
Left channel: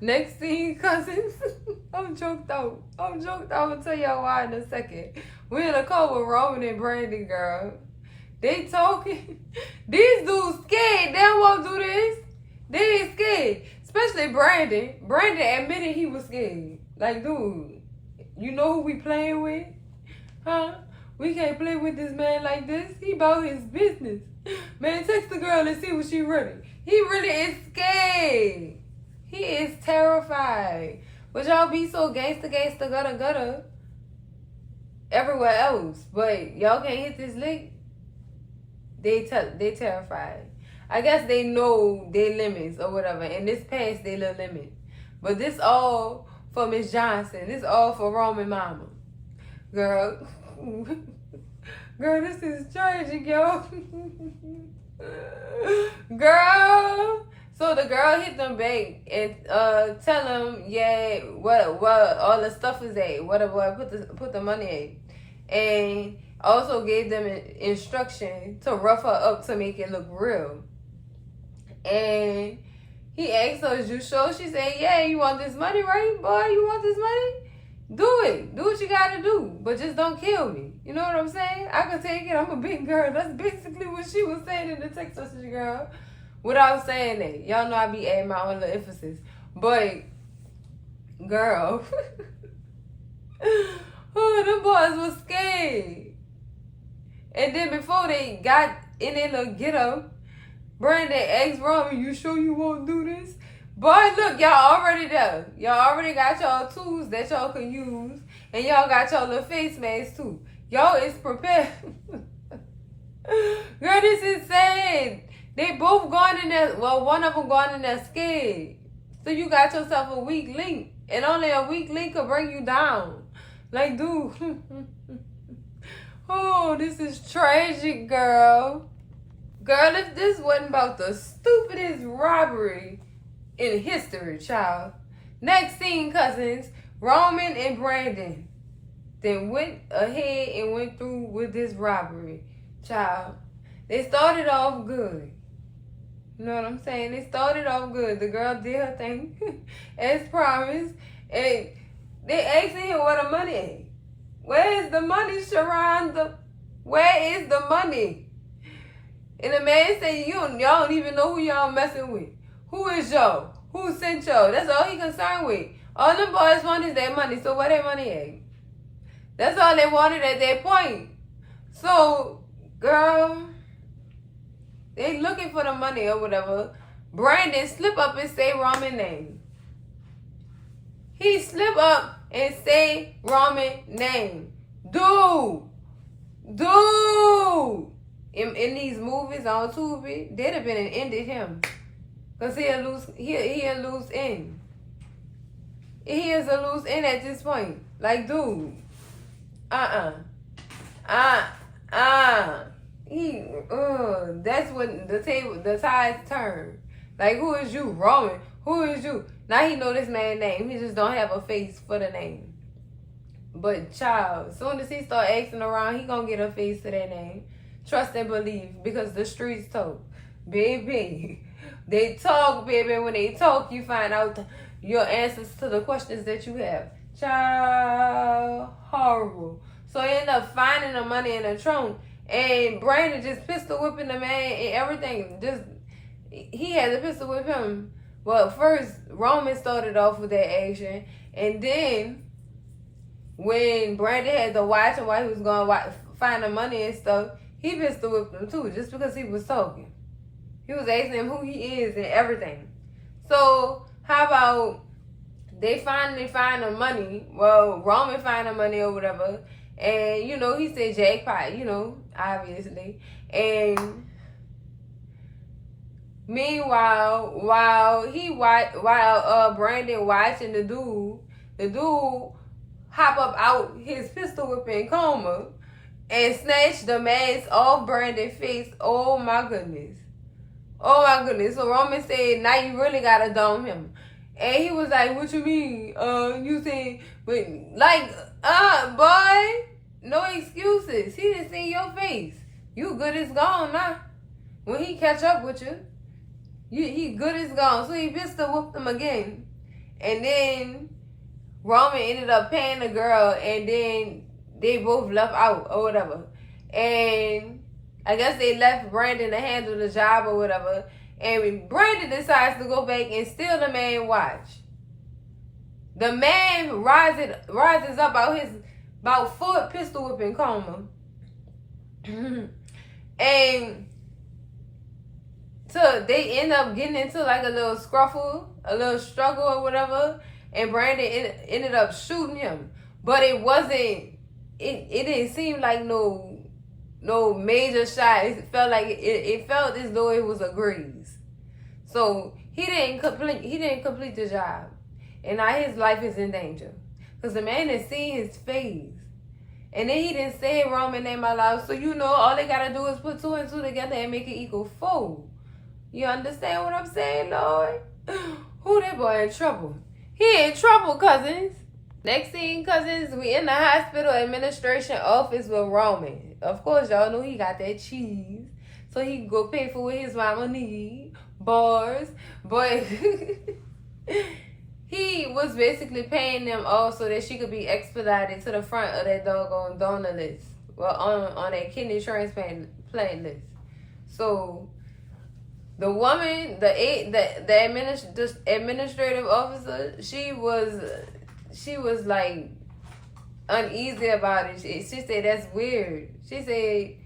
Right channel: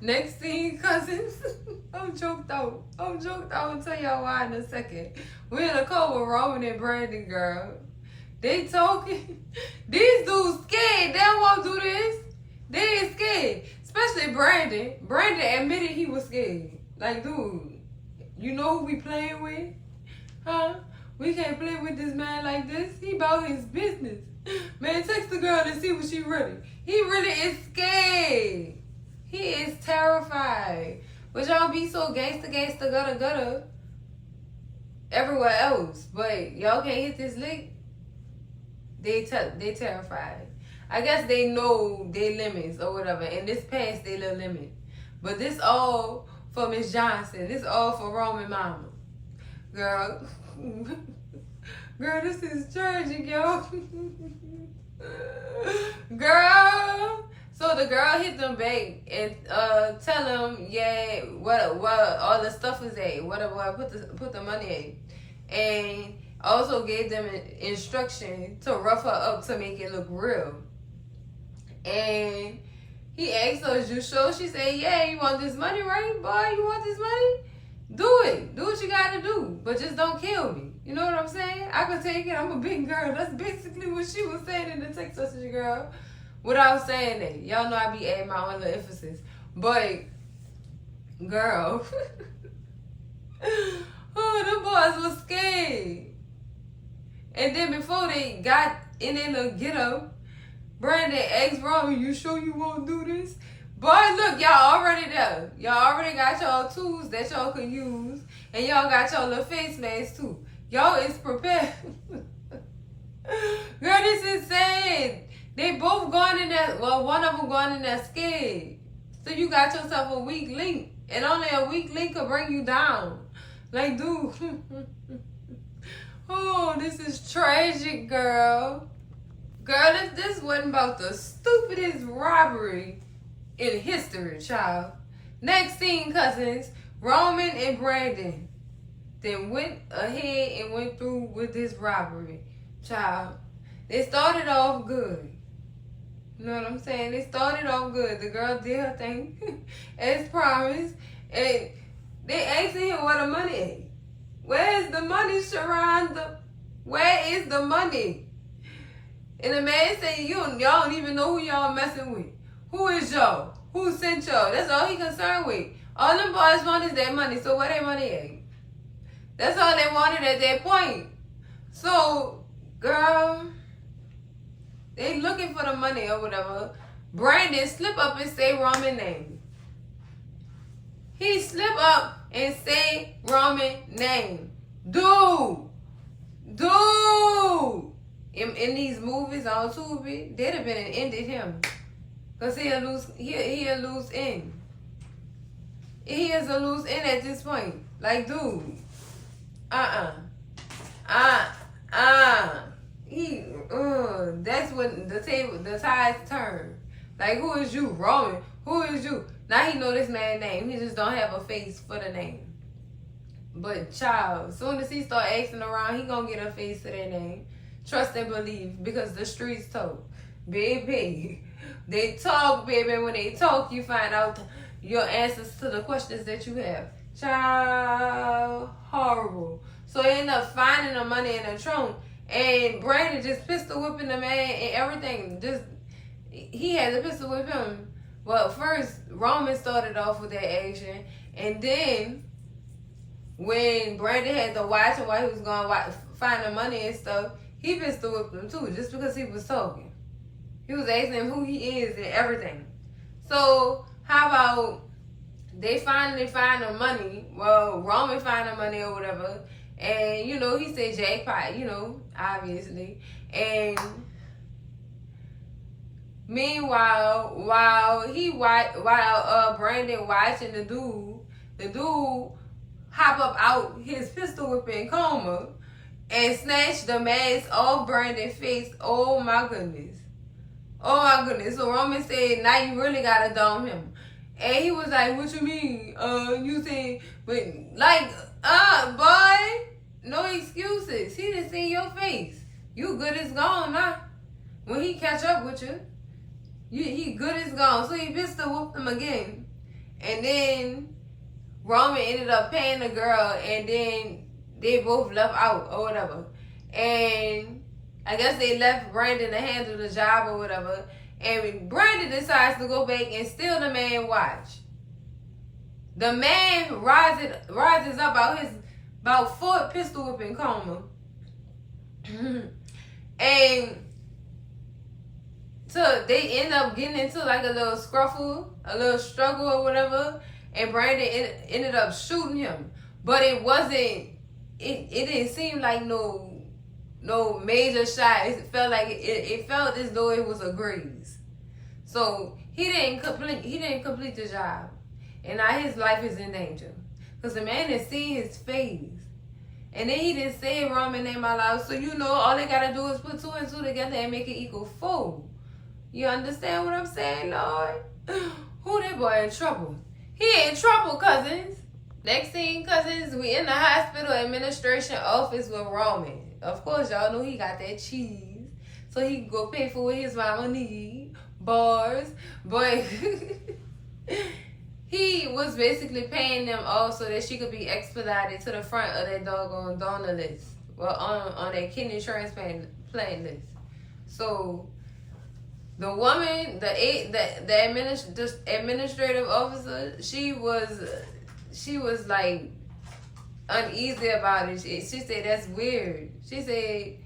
Next scene, cousins. I'm joked out. I'm gonna tell y'all why in a second. We in a car with Roman and Brandon, girl. They talking. These dudes scared. They don't want to do this. They is scared. Especially Brandon. Brandon admitted he was scared. Like, dude, you know who we playing with? Huh? We can't play with this man like this. He about his business. Man, text the girl and see what she really. He really is scared. He is terrified. But y'all be so gangsta, gutter. everywhere else. But y'all can't hit this lick. They terrified. I guess they know their limits or whatever, and this past their little limit. But this all for Miss Johnson. This all for Roman Mama. Girl. Girl, this is tragic, yo. Girl. So the girl hit them back and tell them, yeah, what all the stuff is at, whatever, put the money at. And also gave them an instruction to rough her up to make it look real. And he asked her, is you sure? She said, yeah, you want this money, right, boy? You want this money? Do it. Do what you gotta do. But just don't kill me. You know what I'm saying? I can take it. I'm a big girl. That's basically what she was saying in the text message, girl. Without saying that. Y'all know I be adding my own little emphasis. But, girl. Oh, the boys was scared. And then before they got in their little get-up, Brandon asked Roman, you sure you won't do this? Boy, look, y'all already there. Y'all already got y'all tools that y'all can use. And y'all got y'all little face masks too. Y'all is prepared. Girl, this is sad. They both gone in there. Well, one of them gone in there scared. So you got yourself a weak link. And only a weak link could bring you down. Like, dude. Oh, this is tragic, girl. Girl, if this wasn't about the stupidest robbery in history, child. Next scene, cousins, Roman and Brandon then went ahead and went through with this robbery, child. They started off good. You know what I'm saying? They started off good. The girl did her thing as promised. And they asked him where the money is. Where is the money, Sharon? Where is the money? And the man said, y'all don't even know who y'all messing with. Who is y'all? Who sent y'all? That's all he concerned with. All them boys want is their money. So where their money at? That's all they wanted at that point. So, girl, they looking for the money or whatever. Brandon slip up and say Roman name. He slip up and say Roman name. Dude. In these movies on Tubi, they'd have been and ended him. Because he a loose end. He is a loose end at this point. Like, dude. That's when the tides turn. Like, who is you, Roman? Who is you? Now he know this man's name. He just don't have a face for the name. But child, as soon as he start asking around, he gonna get a face to that name. Trust and believe, because the streets talk. Baby, they talk, baby. When they talk, you find out your answers to the questions that you have. Child, horrible. So they end up finding the money in the trunk, and Brandon just pistol whipping the man and everything. He had to pistol whip him. Well, first Roman started off with that action, and then when Brandon had to watch him while he was going to find the money and stuff, he pistol whipped him too, just because he was talking. He was asking him who he is and everything. So how about they finally find the money? Well, Roman find the money or whatever, and he said jackpot, obviously. And meanwhile, while Brandon watching the dude hop up out his pistol whipping coma and snatch the mask off Brandon's face. Oh my goodness. So Roman said, now you really gotta dome him. And he was like, what you mean? You saying, boy, no excuses. He didn't see your face. You good as gone now. When he catch up with you, he good as gone. So he pistol whooped him again. And then Roman ended up paying the girl, and then they both left out or whatever. And I guess they left Brandon to handle the job or whatever. And Brandon decides to go back and steal the man's watch. The man rises up out his foot pistol whipping coma. And so they end up getting into like a little scruffle, a little struggle or whatever. And Brandon ended up shooting him. But it wasn't it didn't seem like no major shot. It felt like it felt as though it was a graze. So he didn't complete the job, and now his life is in danger because the man has seen his face, and then he didn't say Roman name out loud. So all they gotta do is put 2 and 2 together and make it equal 4. You understand what I'm saying, Lord? Who that boy in trouble? He in trouble, cousins. Next thing, cousins, we in the hospital administration office with Roman. Of course, y'all know he got that cheese. So he can go pay for what his mama need. Bars. But he was basically paying them off so that she could be expedited to the front of that doggone Donna list. Well, on that kidney transplant list. So the woman, the administrative officer, she was like uneasy about it. She said that's weird. She said,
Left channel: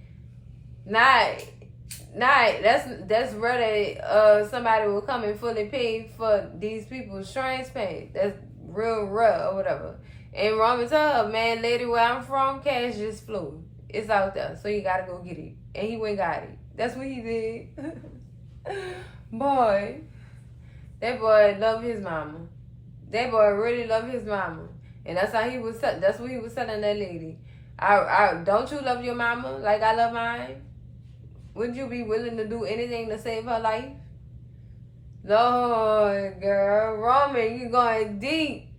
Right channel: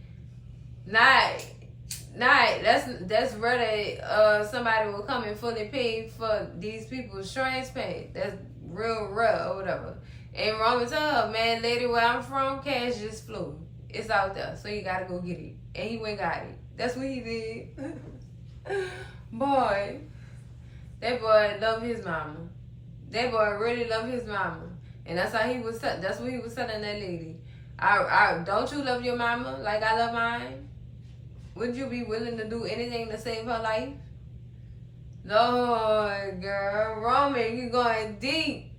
that's rather somebody will come and fully pay for these people's transplant. That's real rough or whatever. And Roman told her, man, lady, where I'm from, cash just flew. It's out there, so you gotta go get it. And he went and got it. That's what he did. Boy, that boy loved his mama. That boy really loved his mama. And that's how he was. That's what he was telling that lady. I don't you love your mama like I love mine? Would you be willing to do anything to save her life? Lord, girl, Roman, you're going deep.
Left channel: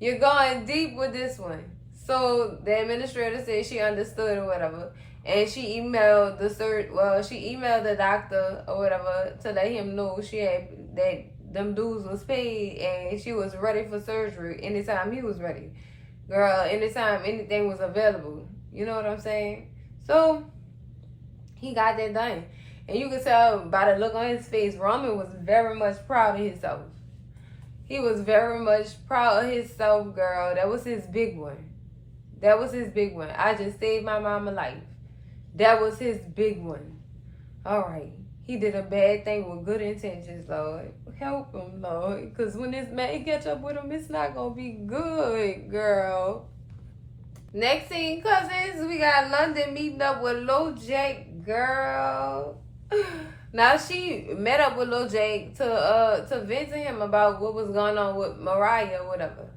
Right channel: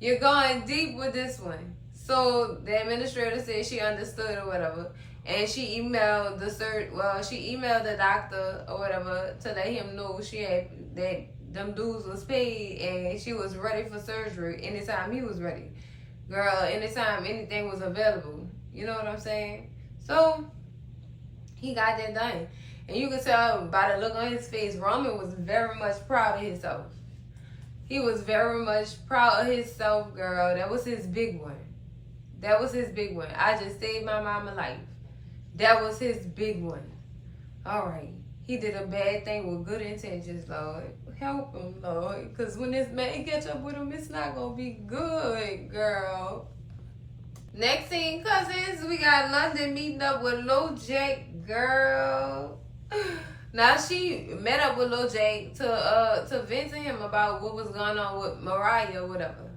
You're going deep with this one. So the administrator said she understood or whatever, and she emailed the doctor or whatever to let him know she had that them dues was paid and she was ready for surgery anytime he was ready. Girl, anytime anything was available. You know what I'm saying? So he got that done. And you can tell by the look on his face, Roman was very much proud of himself. He was very much proud of himself, girl. That was his big one. That was his big one. I just saved my mama life. That was his big one. All right. He did a bad thing with good intentions, Lord. Help him, Lord. Because when this man catch up with him, it's not going to be good, girl. Next thing, cousins, we got London meeting up with Lil Jake, girl. Now, she met up with Lil Jake to vent to him about what was going on with Mariah or whatever.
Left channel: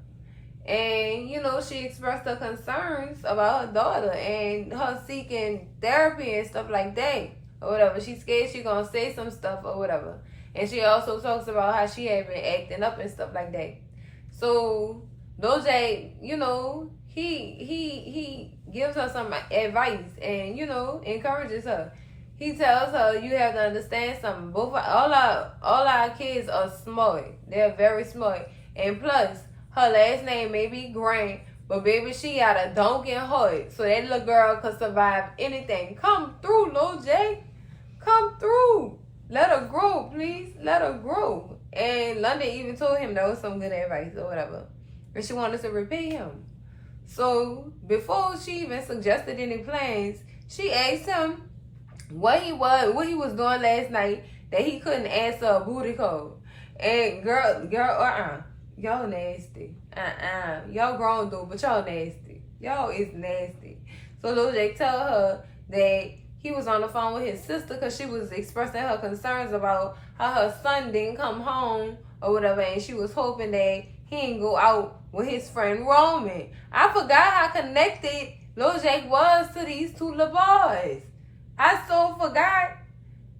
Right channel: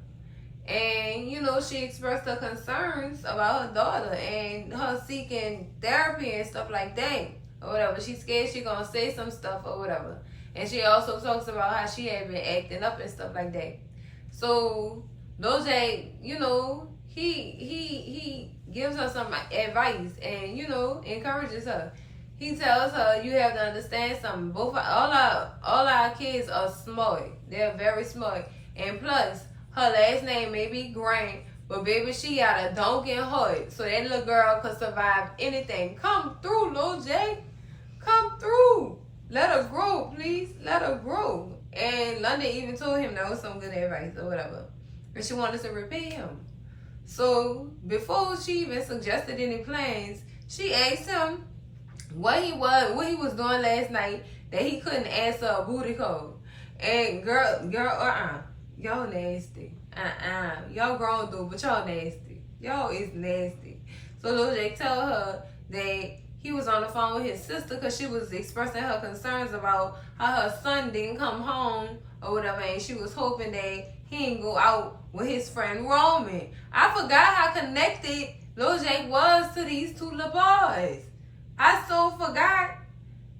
And, she expressed her concerns about her daughter and her seeking therapy and stuff like that or whatever. She's scared she's going to say some stuff or whatever. And she also talks about how she had been acting up and stuff like that. So, Lil Jake, he gives her some advice and, encourages her. He tells her, you have to understand something. All our kids are smart. They're very smart. And plus, her last name may be Grant, but baby, she got a donkey heart. So that little girl could survive anything. Come through, Lil J. Come through. Let her grow, please. Let her grow. And London even told him that was some good advice or whatever. And she wanted to repay him. So before she even suggested any plans, she asked him what he was doing last night that he couldn't answer a booty call. And girl, y'all nasty. Y'all grown though, but y'all nasty. Y'all is nasty. So Lil Jake tell her that he was on the phone with his sister because she was expressing her concerns about how her son didn't come home or whatever, and she was hoping that he didn't go out with his friend Roman. I forgot how connected Lil Jake was to these two little boys. I so forgot.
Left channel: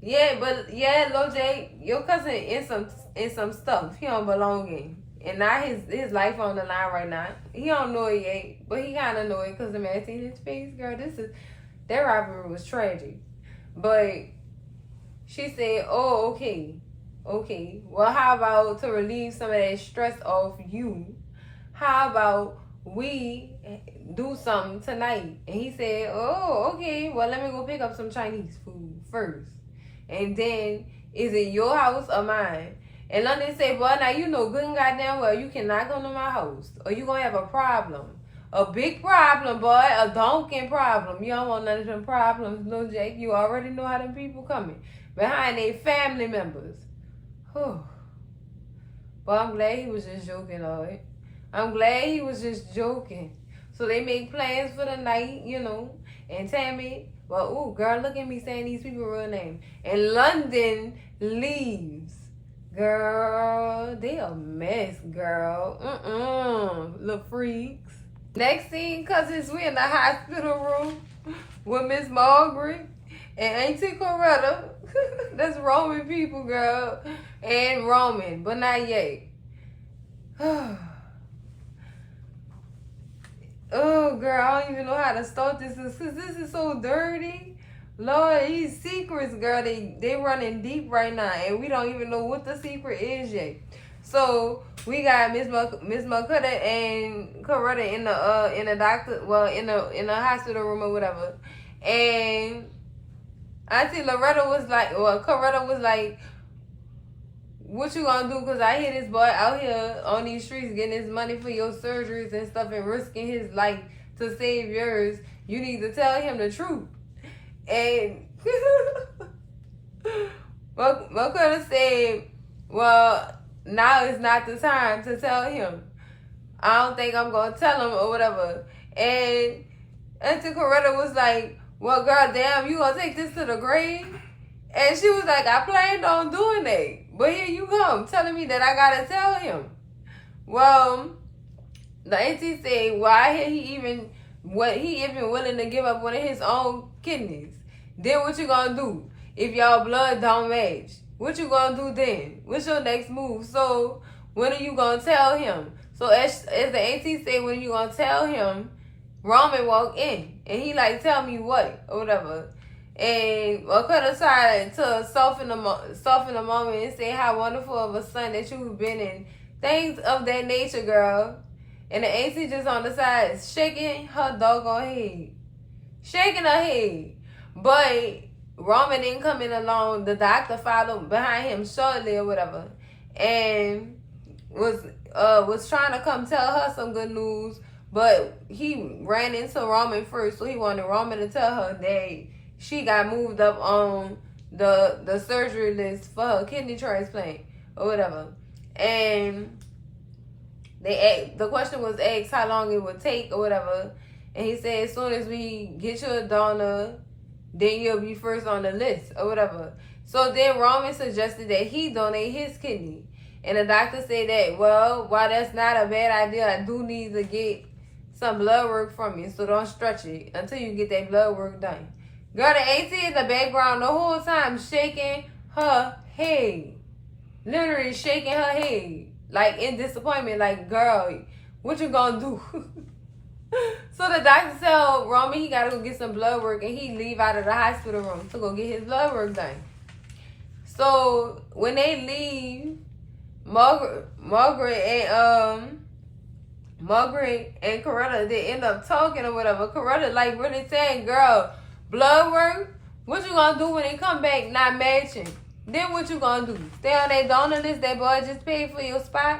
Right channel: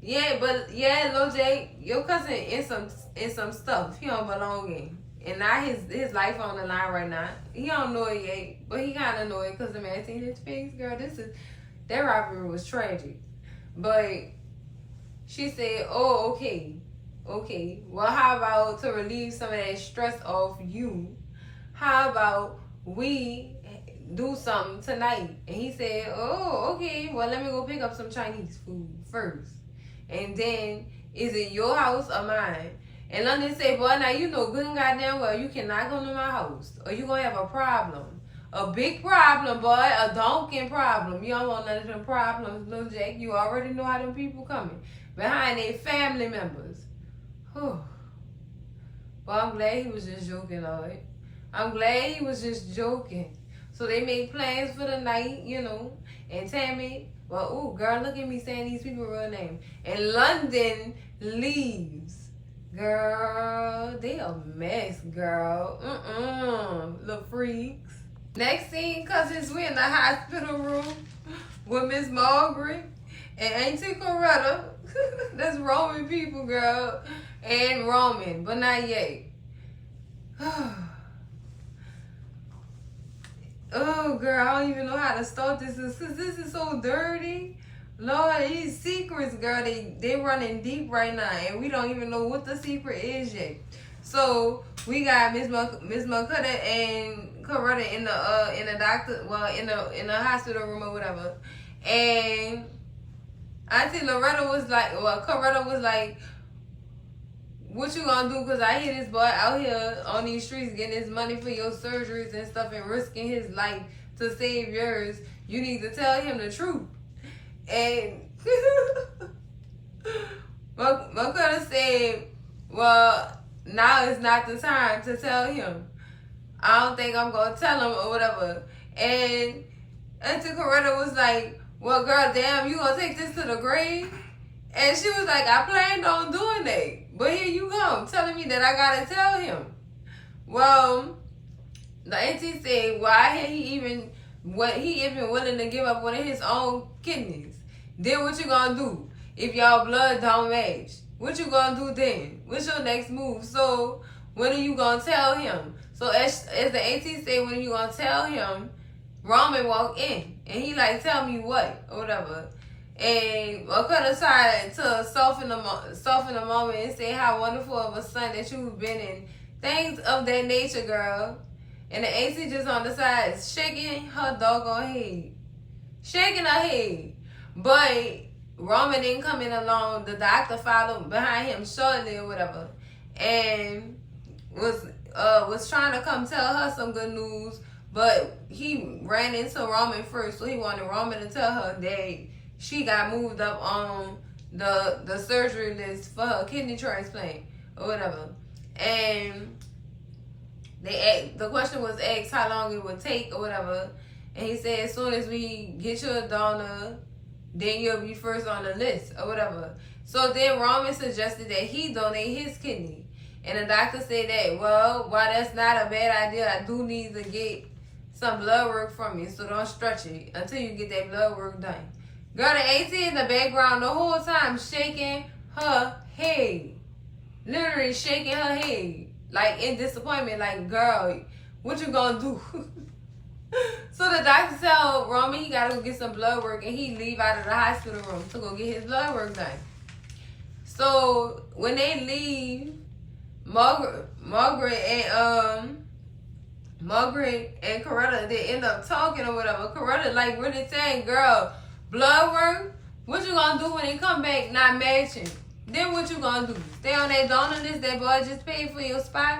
Yeah, Lil Jake, your cousin in some stuff he don't belong in. And now his life on the line right now. He don't know it yet, but he kind of know it because the man seen his face. Girl, that rivalry was tragic. But she said, oh, okay. Well, how about to relieve some of that stress off you? How about we do something tonight? And he said, oh, okay. Well, let me go pick up some Chinese food first. And then, is it your house or mine? And London said, well, now you know good and goddamn well you cannot come to my house or you going to have a problem. A big problem, boy. A donking problem. You don't want none of them problems, Lil Jake. You already know how them people coming. Behind their family members. Whew. Well, I'm glad he was just joking, Lord. I'm glad he was just joking. So they make plans for the night, you know. And Tammy, well, ooh, girl, look at me saying these people real name. And London leaves. Girl, they a mess, girl. Little freaks. Next scene, cousins, we in the hospital room with Miss Margaret and Auntie Coretta. That's Roman people, girl. And Roman, but not yet. Oh, girl, I don't even know how to start this because this is so dirty. Lord, these secrets, girl, they running deep right now, and we don't even know what the secret is yet. So we got Miss Makutta and Coretta in the doctor, well, in the hospital room or whatever, and Auntie Coretta was like, what you gonna do? Because I hear this boy out here on these streets getting his money for your surgeries and stuff and risking his life to save yours. You need to tell him the truth. And Makutta said, well, now is not the time to tell him. I don't think I'm going to tell him or whatever. And Auntie Coretta was like, well, girl, damn, you going to take this to the grave? And she was like, I planned on doing that. But here you come, telling me that I got to tell him. Well, the auntie said, well, I hear he even willing to give up one of his own kidneys. Then what you going to do if y'all blood don't match? What you going to do then? What's your next move? So when are you going to tell him? So as the auntie said, when are you going to tell him? Roman walked in. And he like, tell me what? Or whatever. And Makutta tried to soften the moment and say how wonderful of a son that you've been in. Things of that nature, girl. And the auntie just on the side shaking her doggone head. Shaking her head. But Roman didn't come in alone. The doctor followed behind him shortly or whatever. And was trying to come tell her some good news. But he ran into Roman first. So he wanted Roman to tell her that she got moved up on the surgery list for her kidney transplant or whatever. And the question was asked how long it would take or whatever. And he said, as soon as we get you a donor, then you'll be first on the list or whatever. So then Roman suggested that he donate his kidney. And the doctor said that, well, while that's not a bad idea, I do need to get some blood work from you. So don't stretch it until you get that blood work done. Girl, the auntie in the background the whole time shaking her head. Literally shaking her head. Like in disappointment. Like, girl, what you gonna do? So the doctor tell Roman he gotta go get some blood work and he leave out of the hospital room to go get his blood work done. So when they leave, Margaret and Coretta, they end up talking or whatever. Coretta like really saying, girl, blood work? What you gonna do when they come back not matching? Then what you gonna do? Stay on that donor list that boy just paid for your spot?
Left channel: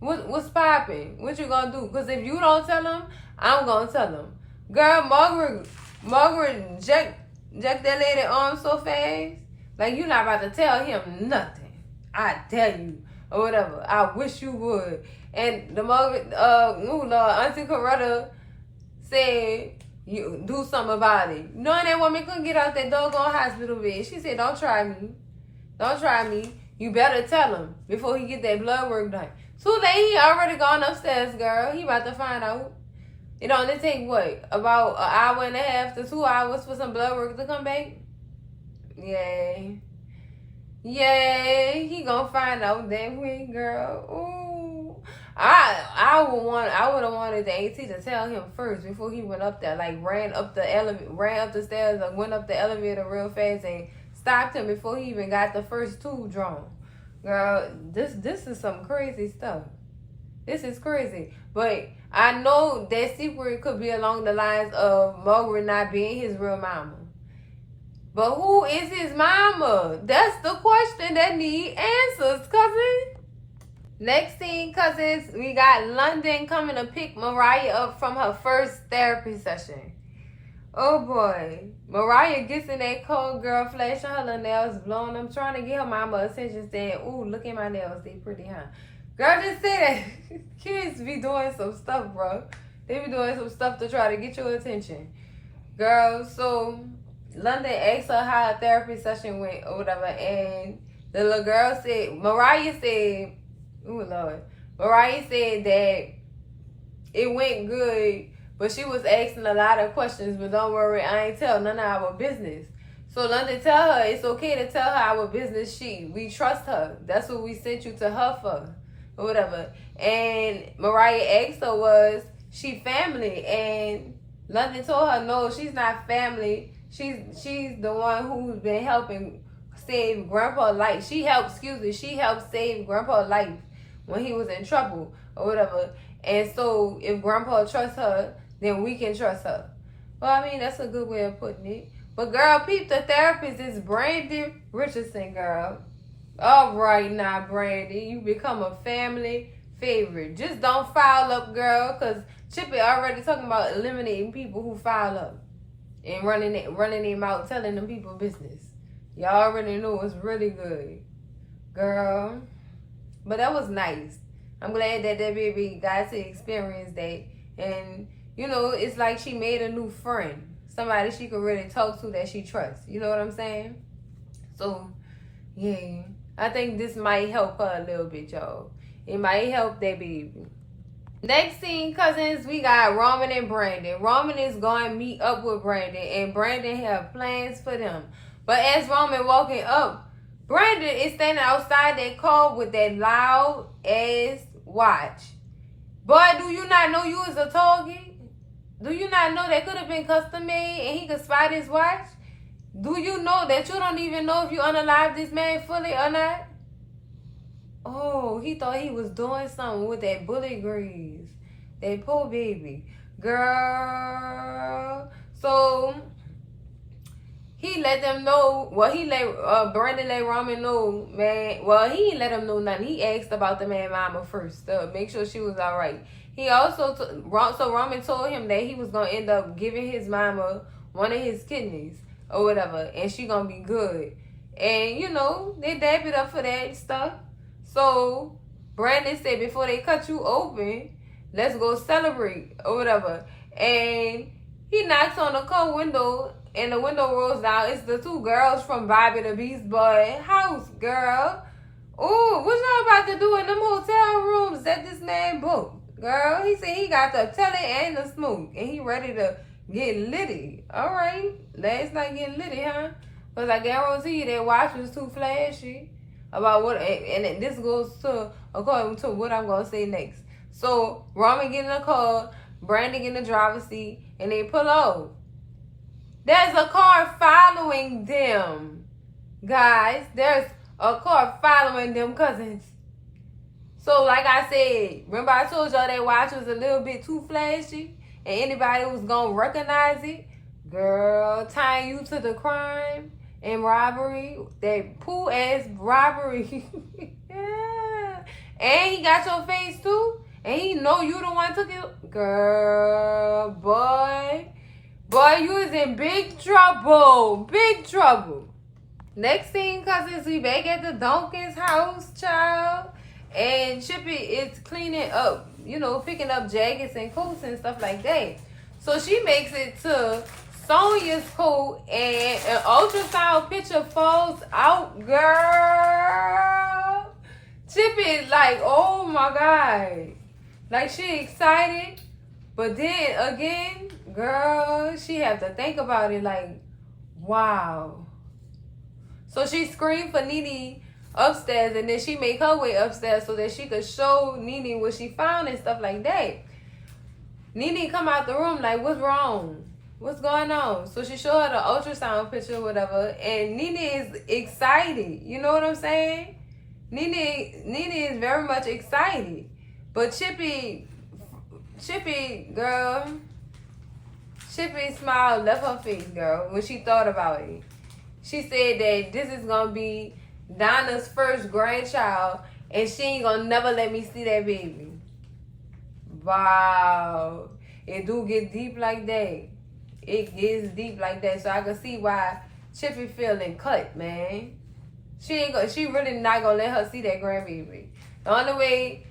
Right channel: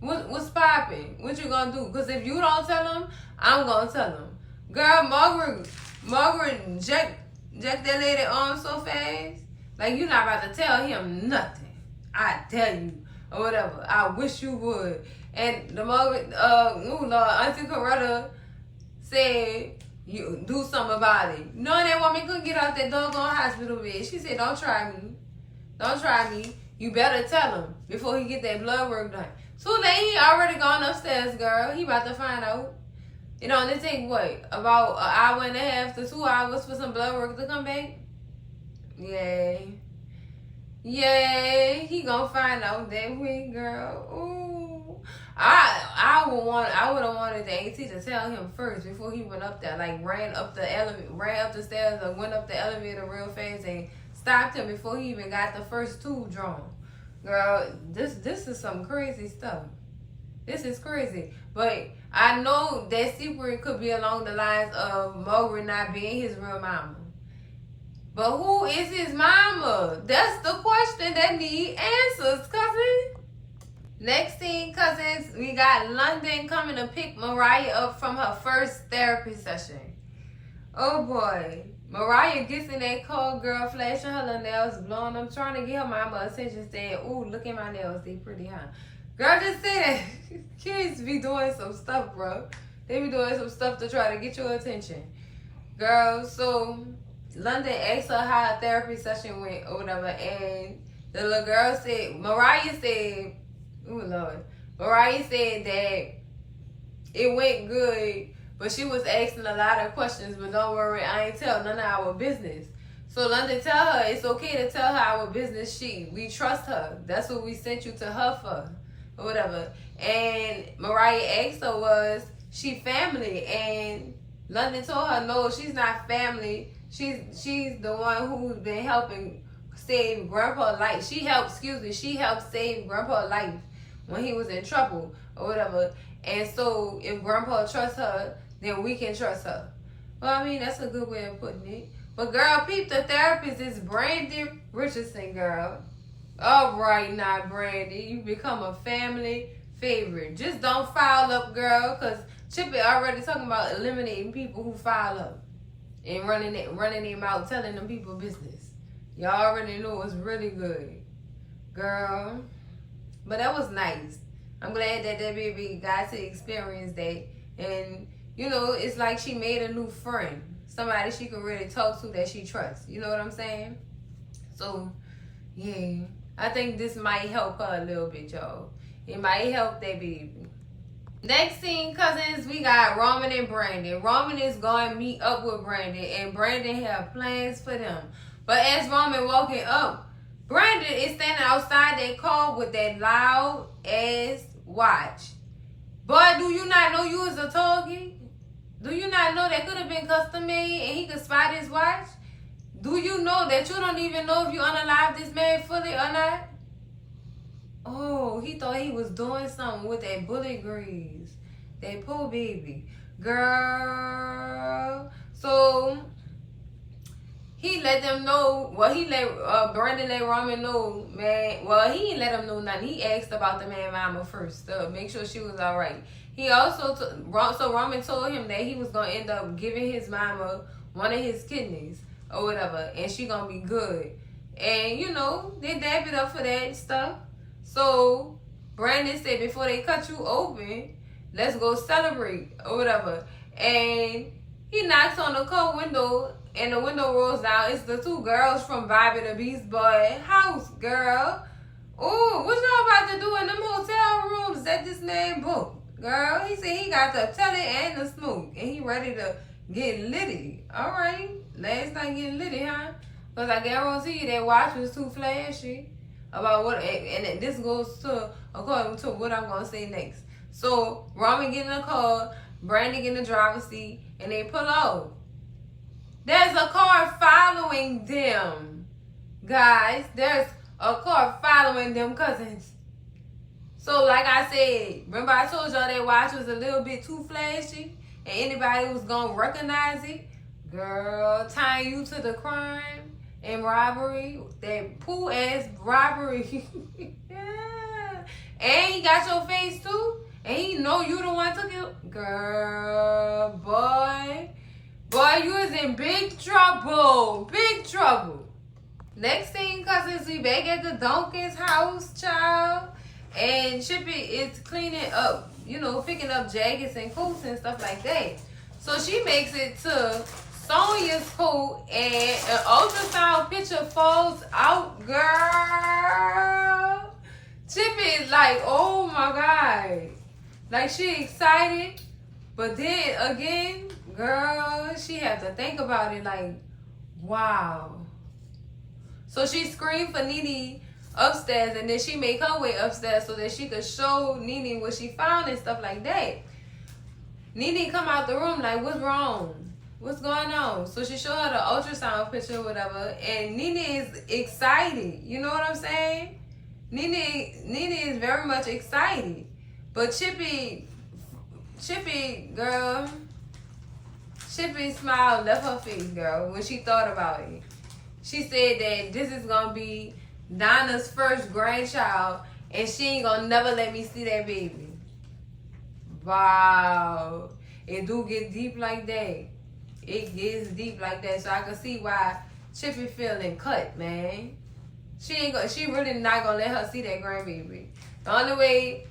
What's popping? What you gonna do? Because if you don't tell them, I'm gonna tell them. Girl, Margaret jacked that lady on so fast. Like, you not about to tell him nothing. I tell you. Or whatever. I wish you would. And the Margaret, Auntie Coretta said, you do something about it. Knowing that woman couldn't get out that doggone hospital bed. She said, don't try me. Don't try me. You better tell him before he get that blood work done. Too late, he already gone upstairs, girl. He about to find out. It only take, what, about an hour and a half to 2 hours for some blood work to come back? Yay. Yay. He gonna find out that week, girl. Ooh. I would have wanted the AT to tell him first before he went up there. Like, ran up the stairs and went up the elevator real fast and stopped him before he even got the first tube drawn. Girl, this is some crazy stuff. This is crazy. But I know that secret could be along the lines of Margaret not being his real mama. But who is his mama? That's the question that need answers, cousin. Next thing, cousins, we got London coming to pick Mariah up from her first therapy session. Oh boy. Mariah gets in that cold, girl, flashing her little nails, blowing them, trying to get her mama attention, saying, ooh, look at my nails, they pretty, huh? Girl, just say that. Kids be doing some stuff, bro. They be doing some stuff to try to get your attention. Girl, so London asked her how a therapy session went or whatever, and the little girl said, Mariah said that it went good, but she was asking a lot of questions, but don't worry, I ain't tell none of our business. So London tell her it's okay to tell her our business. We trust her. That's what we sent you to her for, or whatever. And Mariah asked her, was she family? And London told her, no, she's not family. She's the one who's been helping save Grandpa's life. She helped save Grandpa's life when he was in trouble or whatever. And so if Grandpa trusts her, then we can trust her. Well, I mean, that's a good way of putting it. But girl, peep, the therapist is Brandy Richardson, girl. All right now, Brandy, you become a family favorite. Just don't foul up, girl, because Chippy already talking about eliminating people who foul up and running them out, telling them people business. Y'all already know it's really good, girl. But that was nice. I'm glad that baby got to experience that. And, you know, it's like she made a new friend. Somebody she could really talk to that she trusts. You know what I'm saying? So, yeah. I think this might help her a little bit, y'all. It might help that baby. Next scene, cousins, we got Roman and Brandon. Roman is going to meet up with Brandon, and Brandon have plans for them. But as Roman walking up, Brandon is standing outside their car with that loud ass watch. Boy, do you not know you was a target? Do you not know that could have been custom made and he could spot his watch? Do you know that you don't even know if you unalive this man fully or not? Oh, he thought he was doing something with that bullet grease. That poor baby. Girl. So, he let them know, Brandon let Roman know, man. Well, he didn't let him know nothing. He asked about the man mama first to make sure she was all right. He also, so Roman told him that he was going to end up giving his mama one of his kidneys or whatever, and she going to be good. And, you know, they dab it up for that stuff. So, Brandon said, before they cut you open, let's go celebrate or whatever. And he knocks on the car window, and the window rolls down. It's the two girls from Bobby the Beast Boy house, girl. Ooh, what y'all about to do in them hotel rooms that this man booked? Girl, he said he got the telly and the smoke, and he ready to get litty. All right, last night getting litty, huh? Because I guarantee you that watch was too flashy. About what, and this goes to according to what I'm gonna say next. So Roman get in the car, Brandon get in the driver's seat, and they pull out. There's a car following them, guys. There's a car following them cousins. So like I said, remember I told y'all that watch was a little bit too flashy, and anybody was gonna recognize it. Girl, tying you to the crime and robbery, that poo ass robbery. Yeah. And he got your face too, and he know you the one took it. Girl, boy, you was in big trouble, big trouble. Next thing, cousins, we back at the Donkin's house, child. And Chippy is cleaning up, you know, picking up jackets and coats and stuff like that. So she makes it to Sonia's coat, and an ultrasound picture falls out, girl. Chippy is like, oh my God. Like, she excited, but then again, girl, she have to think about it like, wow. So she screamed for Nene upstairs, and then she make her way upstairs so that she could show Nene what she found and stuff like that. Nene come out the room like, what's wrong? What's going on? So she showed her the ultrasound picture or whatever, and Nene is excited. You know what I'm saying? Nene is very much excited. But Chippy, girl, Chippy's smile left her face, girl, when she thought about it. She said that this is going to be Donna's first grandchild, and she ain't going to never let me see that baby. Wow. It do get deep like that. It gets deep like that. So I can see why Chippy feeling cut, man. She really not going to let her see that grandbaby. The only way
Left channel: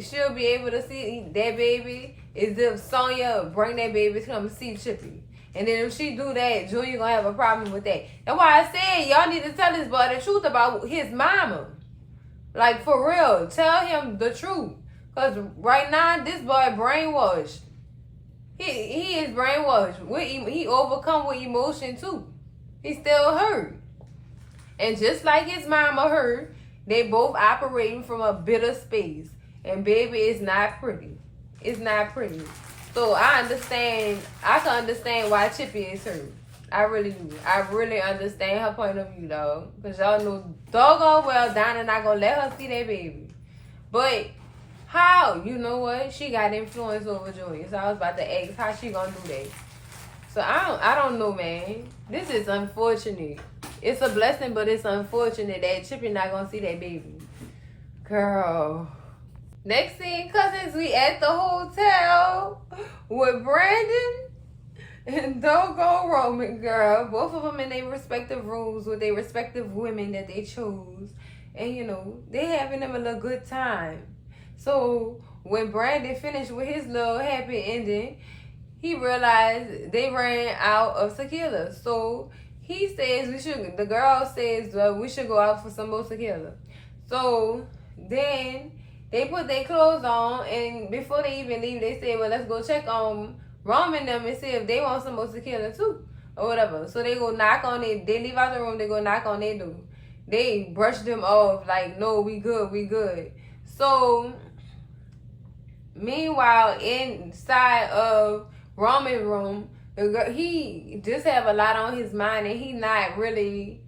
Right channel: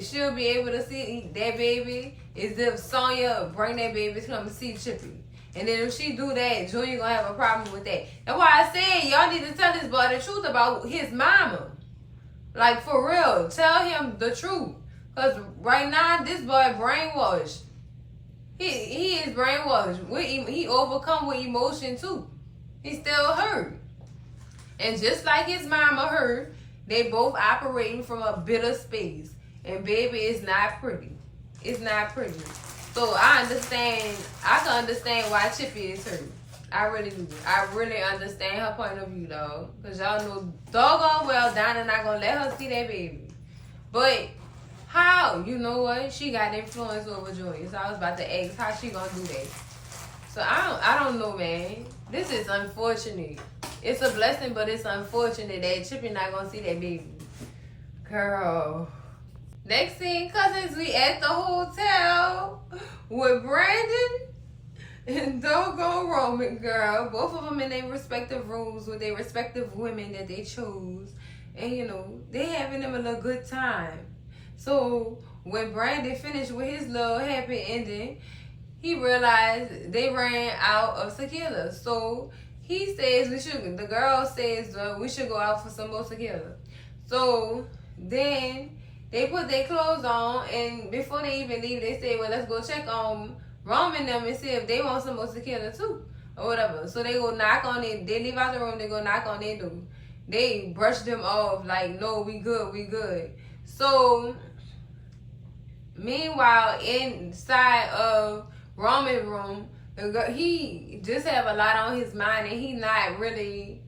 she'll be able to see that baby is if Sonya bring that baby to come see Chippy. And then if she do that, Junior gonna have a problem with that. That's why I said y'all need to tell this boy the truth about his mama. Like, for real. Tell him the truth. Because right now, this boy brainwashed. He is brainwashed. He overcome with emotion, too. He still hurt. And just like his mama hurt, they both operating from a bitter space. And baby, it's not pretty. It's not pretty. So I can understand why Chippy is hurt. I really do. I really understand her point of view, though. Because y'all know doggone well Donna not going to let her see that baby. But how? You know what? She got influence over Junior. So I was about to ask how she going to do that. So I don't know, man. This is unfortunate. It's a blessing, but it's unfortunate that Chippy not going to see that baby. Girl. Next scene, cousins, we at the hotel with Brandon and doggone Roman, girl. Both of them in their respective rooms with their respective women that they chose. And, you know, they having them a little good time. So, when Brandon finished with his little happy ending, he realized they ran out of tequila. So, he says the girl says, we should go out for some more tequila. So, then they put their clothes on, and before they even leave, they said, well, let's go check on Rome and them and see if they want some more tequila too, or whatever. So they go knock on it. They leave out the room. They go knock on their door. They brush them off like, no, we good, we good. So meanwhile, inside of Roman's room, he just have a lot on his mind, and he not really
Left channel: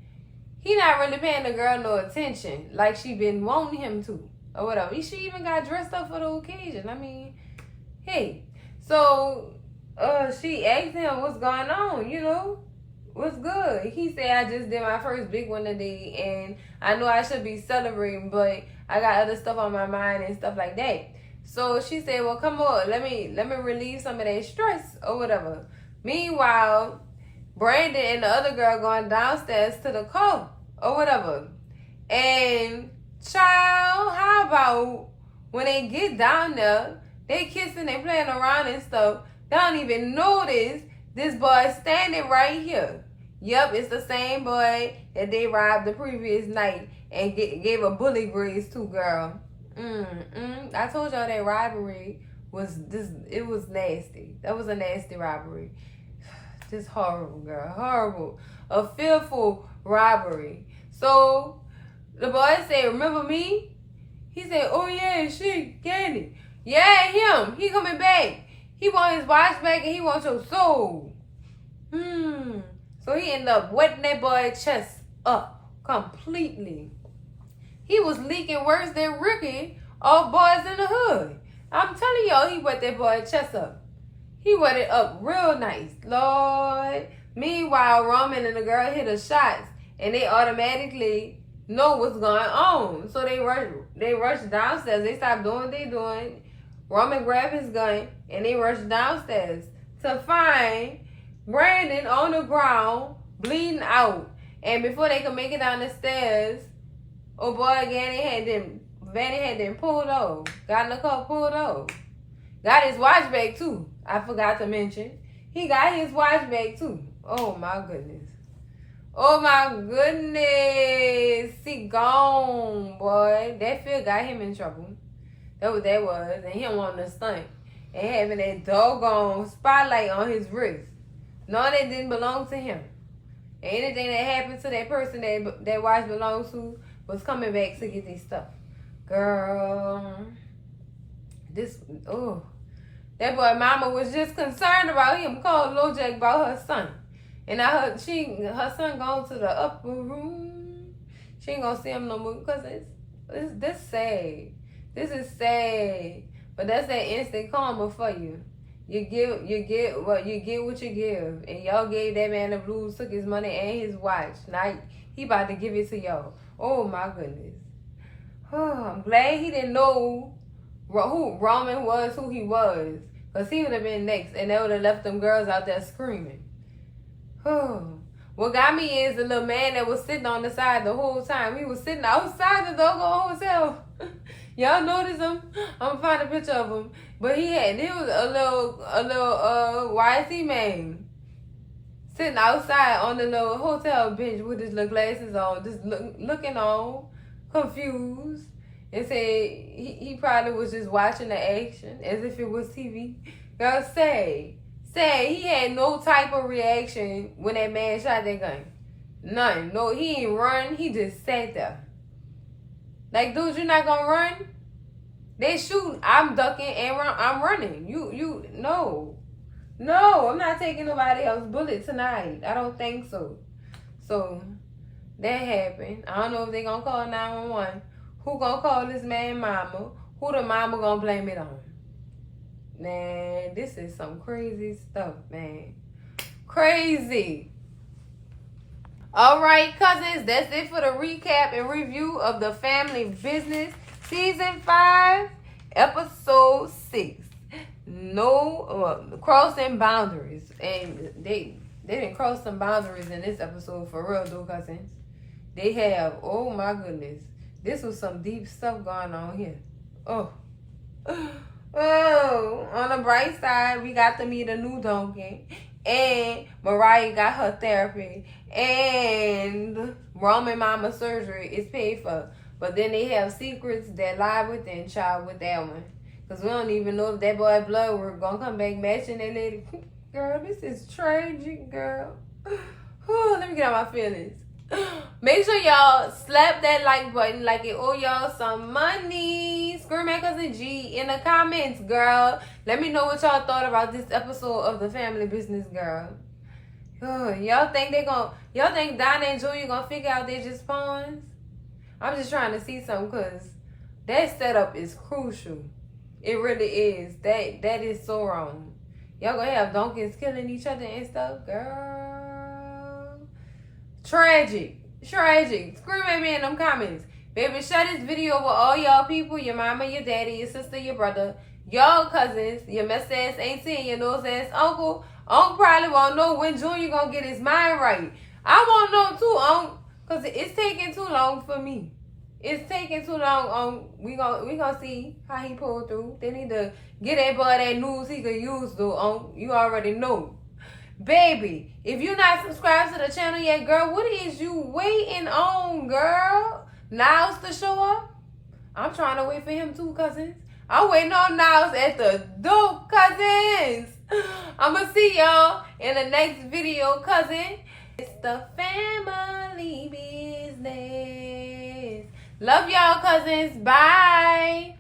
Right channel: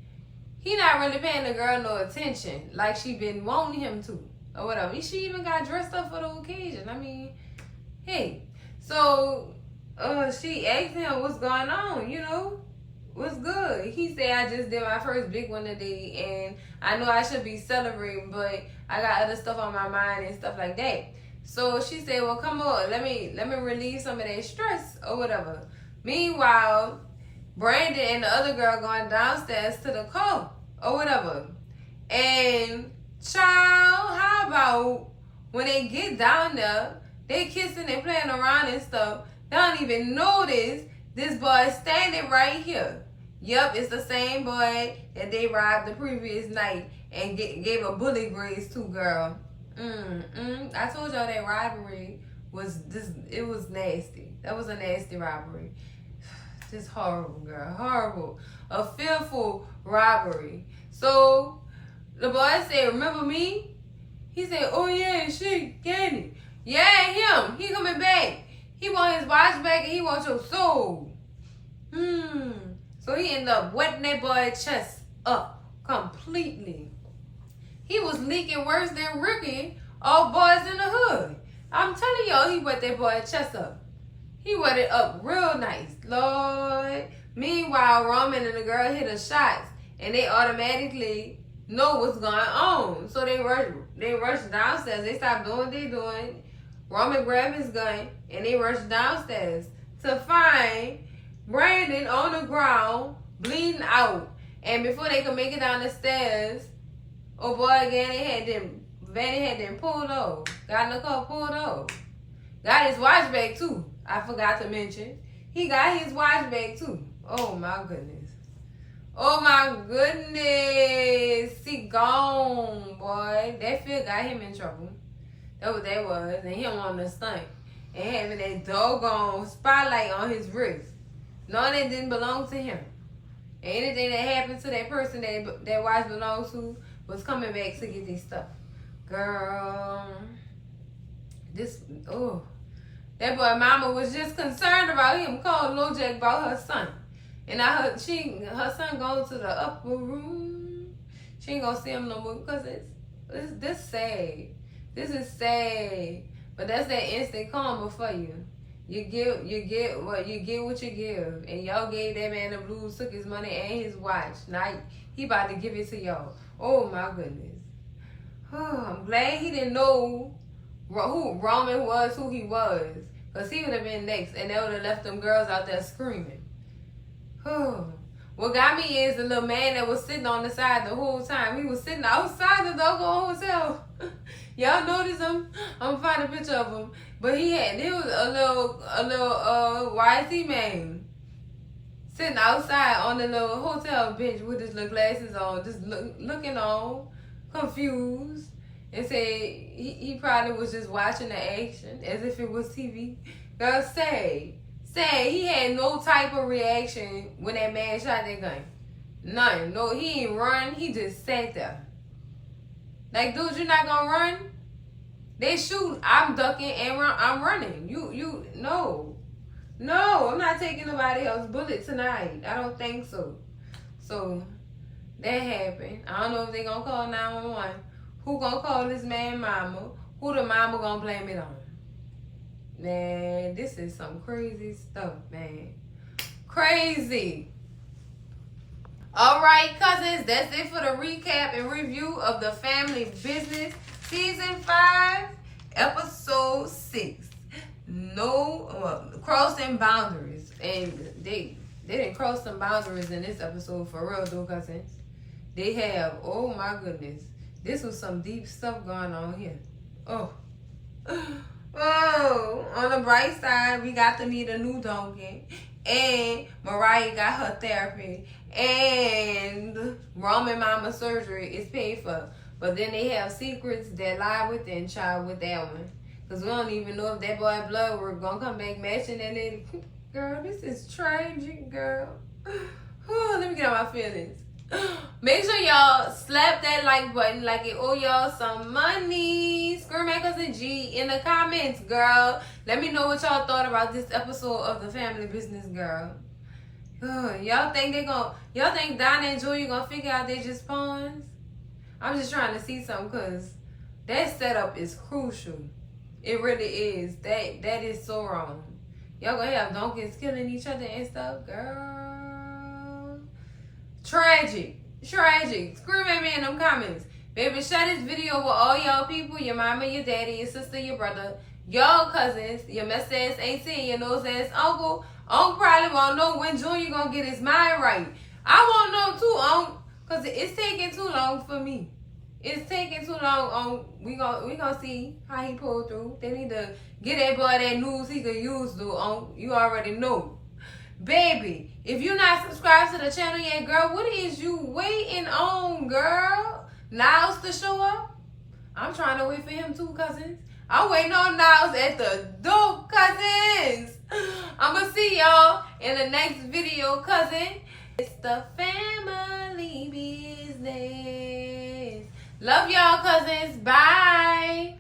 paying the girl no attention like she been wanting him to, or whatever. She even got dressed up for the occasion. I mean, hey. So she asked him what's going on, you know, what's good. He said, I just did my first big one today, and I know I should be celebrating, but I got other stuff on my mind and stuff like that. So she said, well, come on, let me relieve some of that stress or whatever. Meanwhile, Brandon and the other girl going downstairs to the car or whatever. And child, how about when they get down there, they kissing, they playing around and stuff. They don't even notice this boy standing right here. Yup, it's the same boy that they robbed the previous night and gave a bully graze to, girl. I told y'all that robbery it was nasty. That was a nasty robbery. Just horrible, girl. Horrible. A fearful robbery. So the boy said, remember me? He said, oh yeah, Candy. Yeah, him. He coming back. He want his watch back and he wants your soul. So he ended up wetting that boy's chest up completely. He was leaking worse than Ricky, all boys in the hood. I'm telling y'all, he wet that boy's chest up. He wet it up real nice, Lord. Meanwhile, Roman and the girl hit the shots, and they automatically know what's going on. So they rush downstairs. They stop doing what they doing. Roman grabbed his gun, and they rushed downstairs to find Brandon on the ground, bleeding out. And before they could make it down the stairs, oh boy, again, Vanny had them pulled off. Got in the car, pulled off. Got his watch back too. I forgot to mention. He got his watch back too. Oh my goodness. Oh my goodness. He gone, boy. That Phil got him in trouble. That's what that was. And him wanting to stunt. And having that doggone spotlight on his wrist. No, that didn't belong to him. And anything that happened to that person that watch belonged to was coming back to get his stuff. Girl. That boy mama was just concerned about him, calling Lil Jack about her son. And now her son going to the upper room. She ain't gonna see him no more because this sad. This is sad. But that's that instant karma for you. You get what you give. And y'all gave that man the blues, took his money and his watch. Now he about to give it to y'all. Oh my goodness. Oh, I'm glad he didn't know who Roman was, who he was. Because he would have been next, and they would have left them girls out there screaming. What got me is the little man that was sitting on the side the whole time. He was sitting outside the doggone hotel. Y'all notice him? I'm gonna find a picture of him. But he was a little YC man sitting outside on the little hotel bench with his little glasses on, just looking on, confused, and said he probably was just watching the action as if it was TV. Girl, say he had no type of reaction when that man shot that gun. None. No, he ain't run. He just sat there. Like, dude, you're not gonna run? They shoot. I'm ducking and I'm running. No, I'm not taking nobody else's bullet tonight. I don't think so. So that happened. I don't know if they gonna call 911. Who gonna call this man mama? Who the mama gonna blame it on? Man, this is some crazy stuff, man. Crazy. All right, cousins, that's it for the recap and review of The Family Business, Season 5, Episode 6. No crossing boundaries. And they didn't cross some boundaries in this episode for real, though, cousins. They have, oh my goodness. This was some deep stuff going on here. Oh, on the bright side, we got to meet a new donkey. And Mariah got her therapy. And Roman mama surgery is paid for. But then they have secrets that lie within child with that one. Because we don't even know if that boy blood were going to come back matching that lady. Girl, this is tragic, girl. Whew, let me get out my feelings. Make sure y'all slap that like button like it owe y'all some money. Scream at Cousin G in the comments, girl. Let me know what y'all thought about this episode of The Family Business, girl. Y'all think Donna and Julia gonna figure out they're just pawns? I'm just trying to see something because that setup is crucial. It really is. That is so wrong. Y'all gonna have donkeys killing each other and stuff, girl. Tragic. Scream at me in them comments. Baby, share this video with all y'all people, your mama, your daddy, your sister, your brother, y'all cousins, your mess ass auntie, your nose ass uncle. Uncle probably won't know when Junior gonna get his mind right. I won't know too, Uncle, because it's taking too long for me. It's taking too long. We gonna see how he pulled through. They need to get that boy that news he could use, though, Uncle. You already know. Baby, if you not subscribed to the channel yet, girl, what is you waiting on, girl? Niles to show up? I'm trying to wait for him too, cousins. I'm waiting on Niles at the door, cousins. I'm going to see y'all in the next video, cousin. It's the family business. Love y'all, cousins. Bye.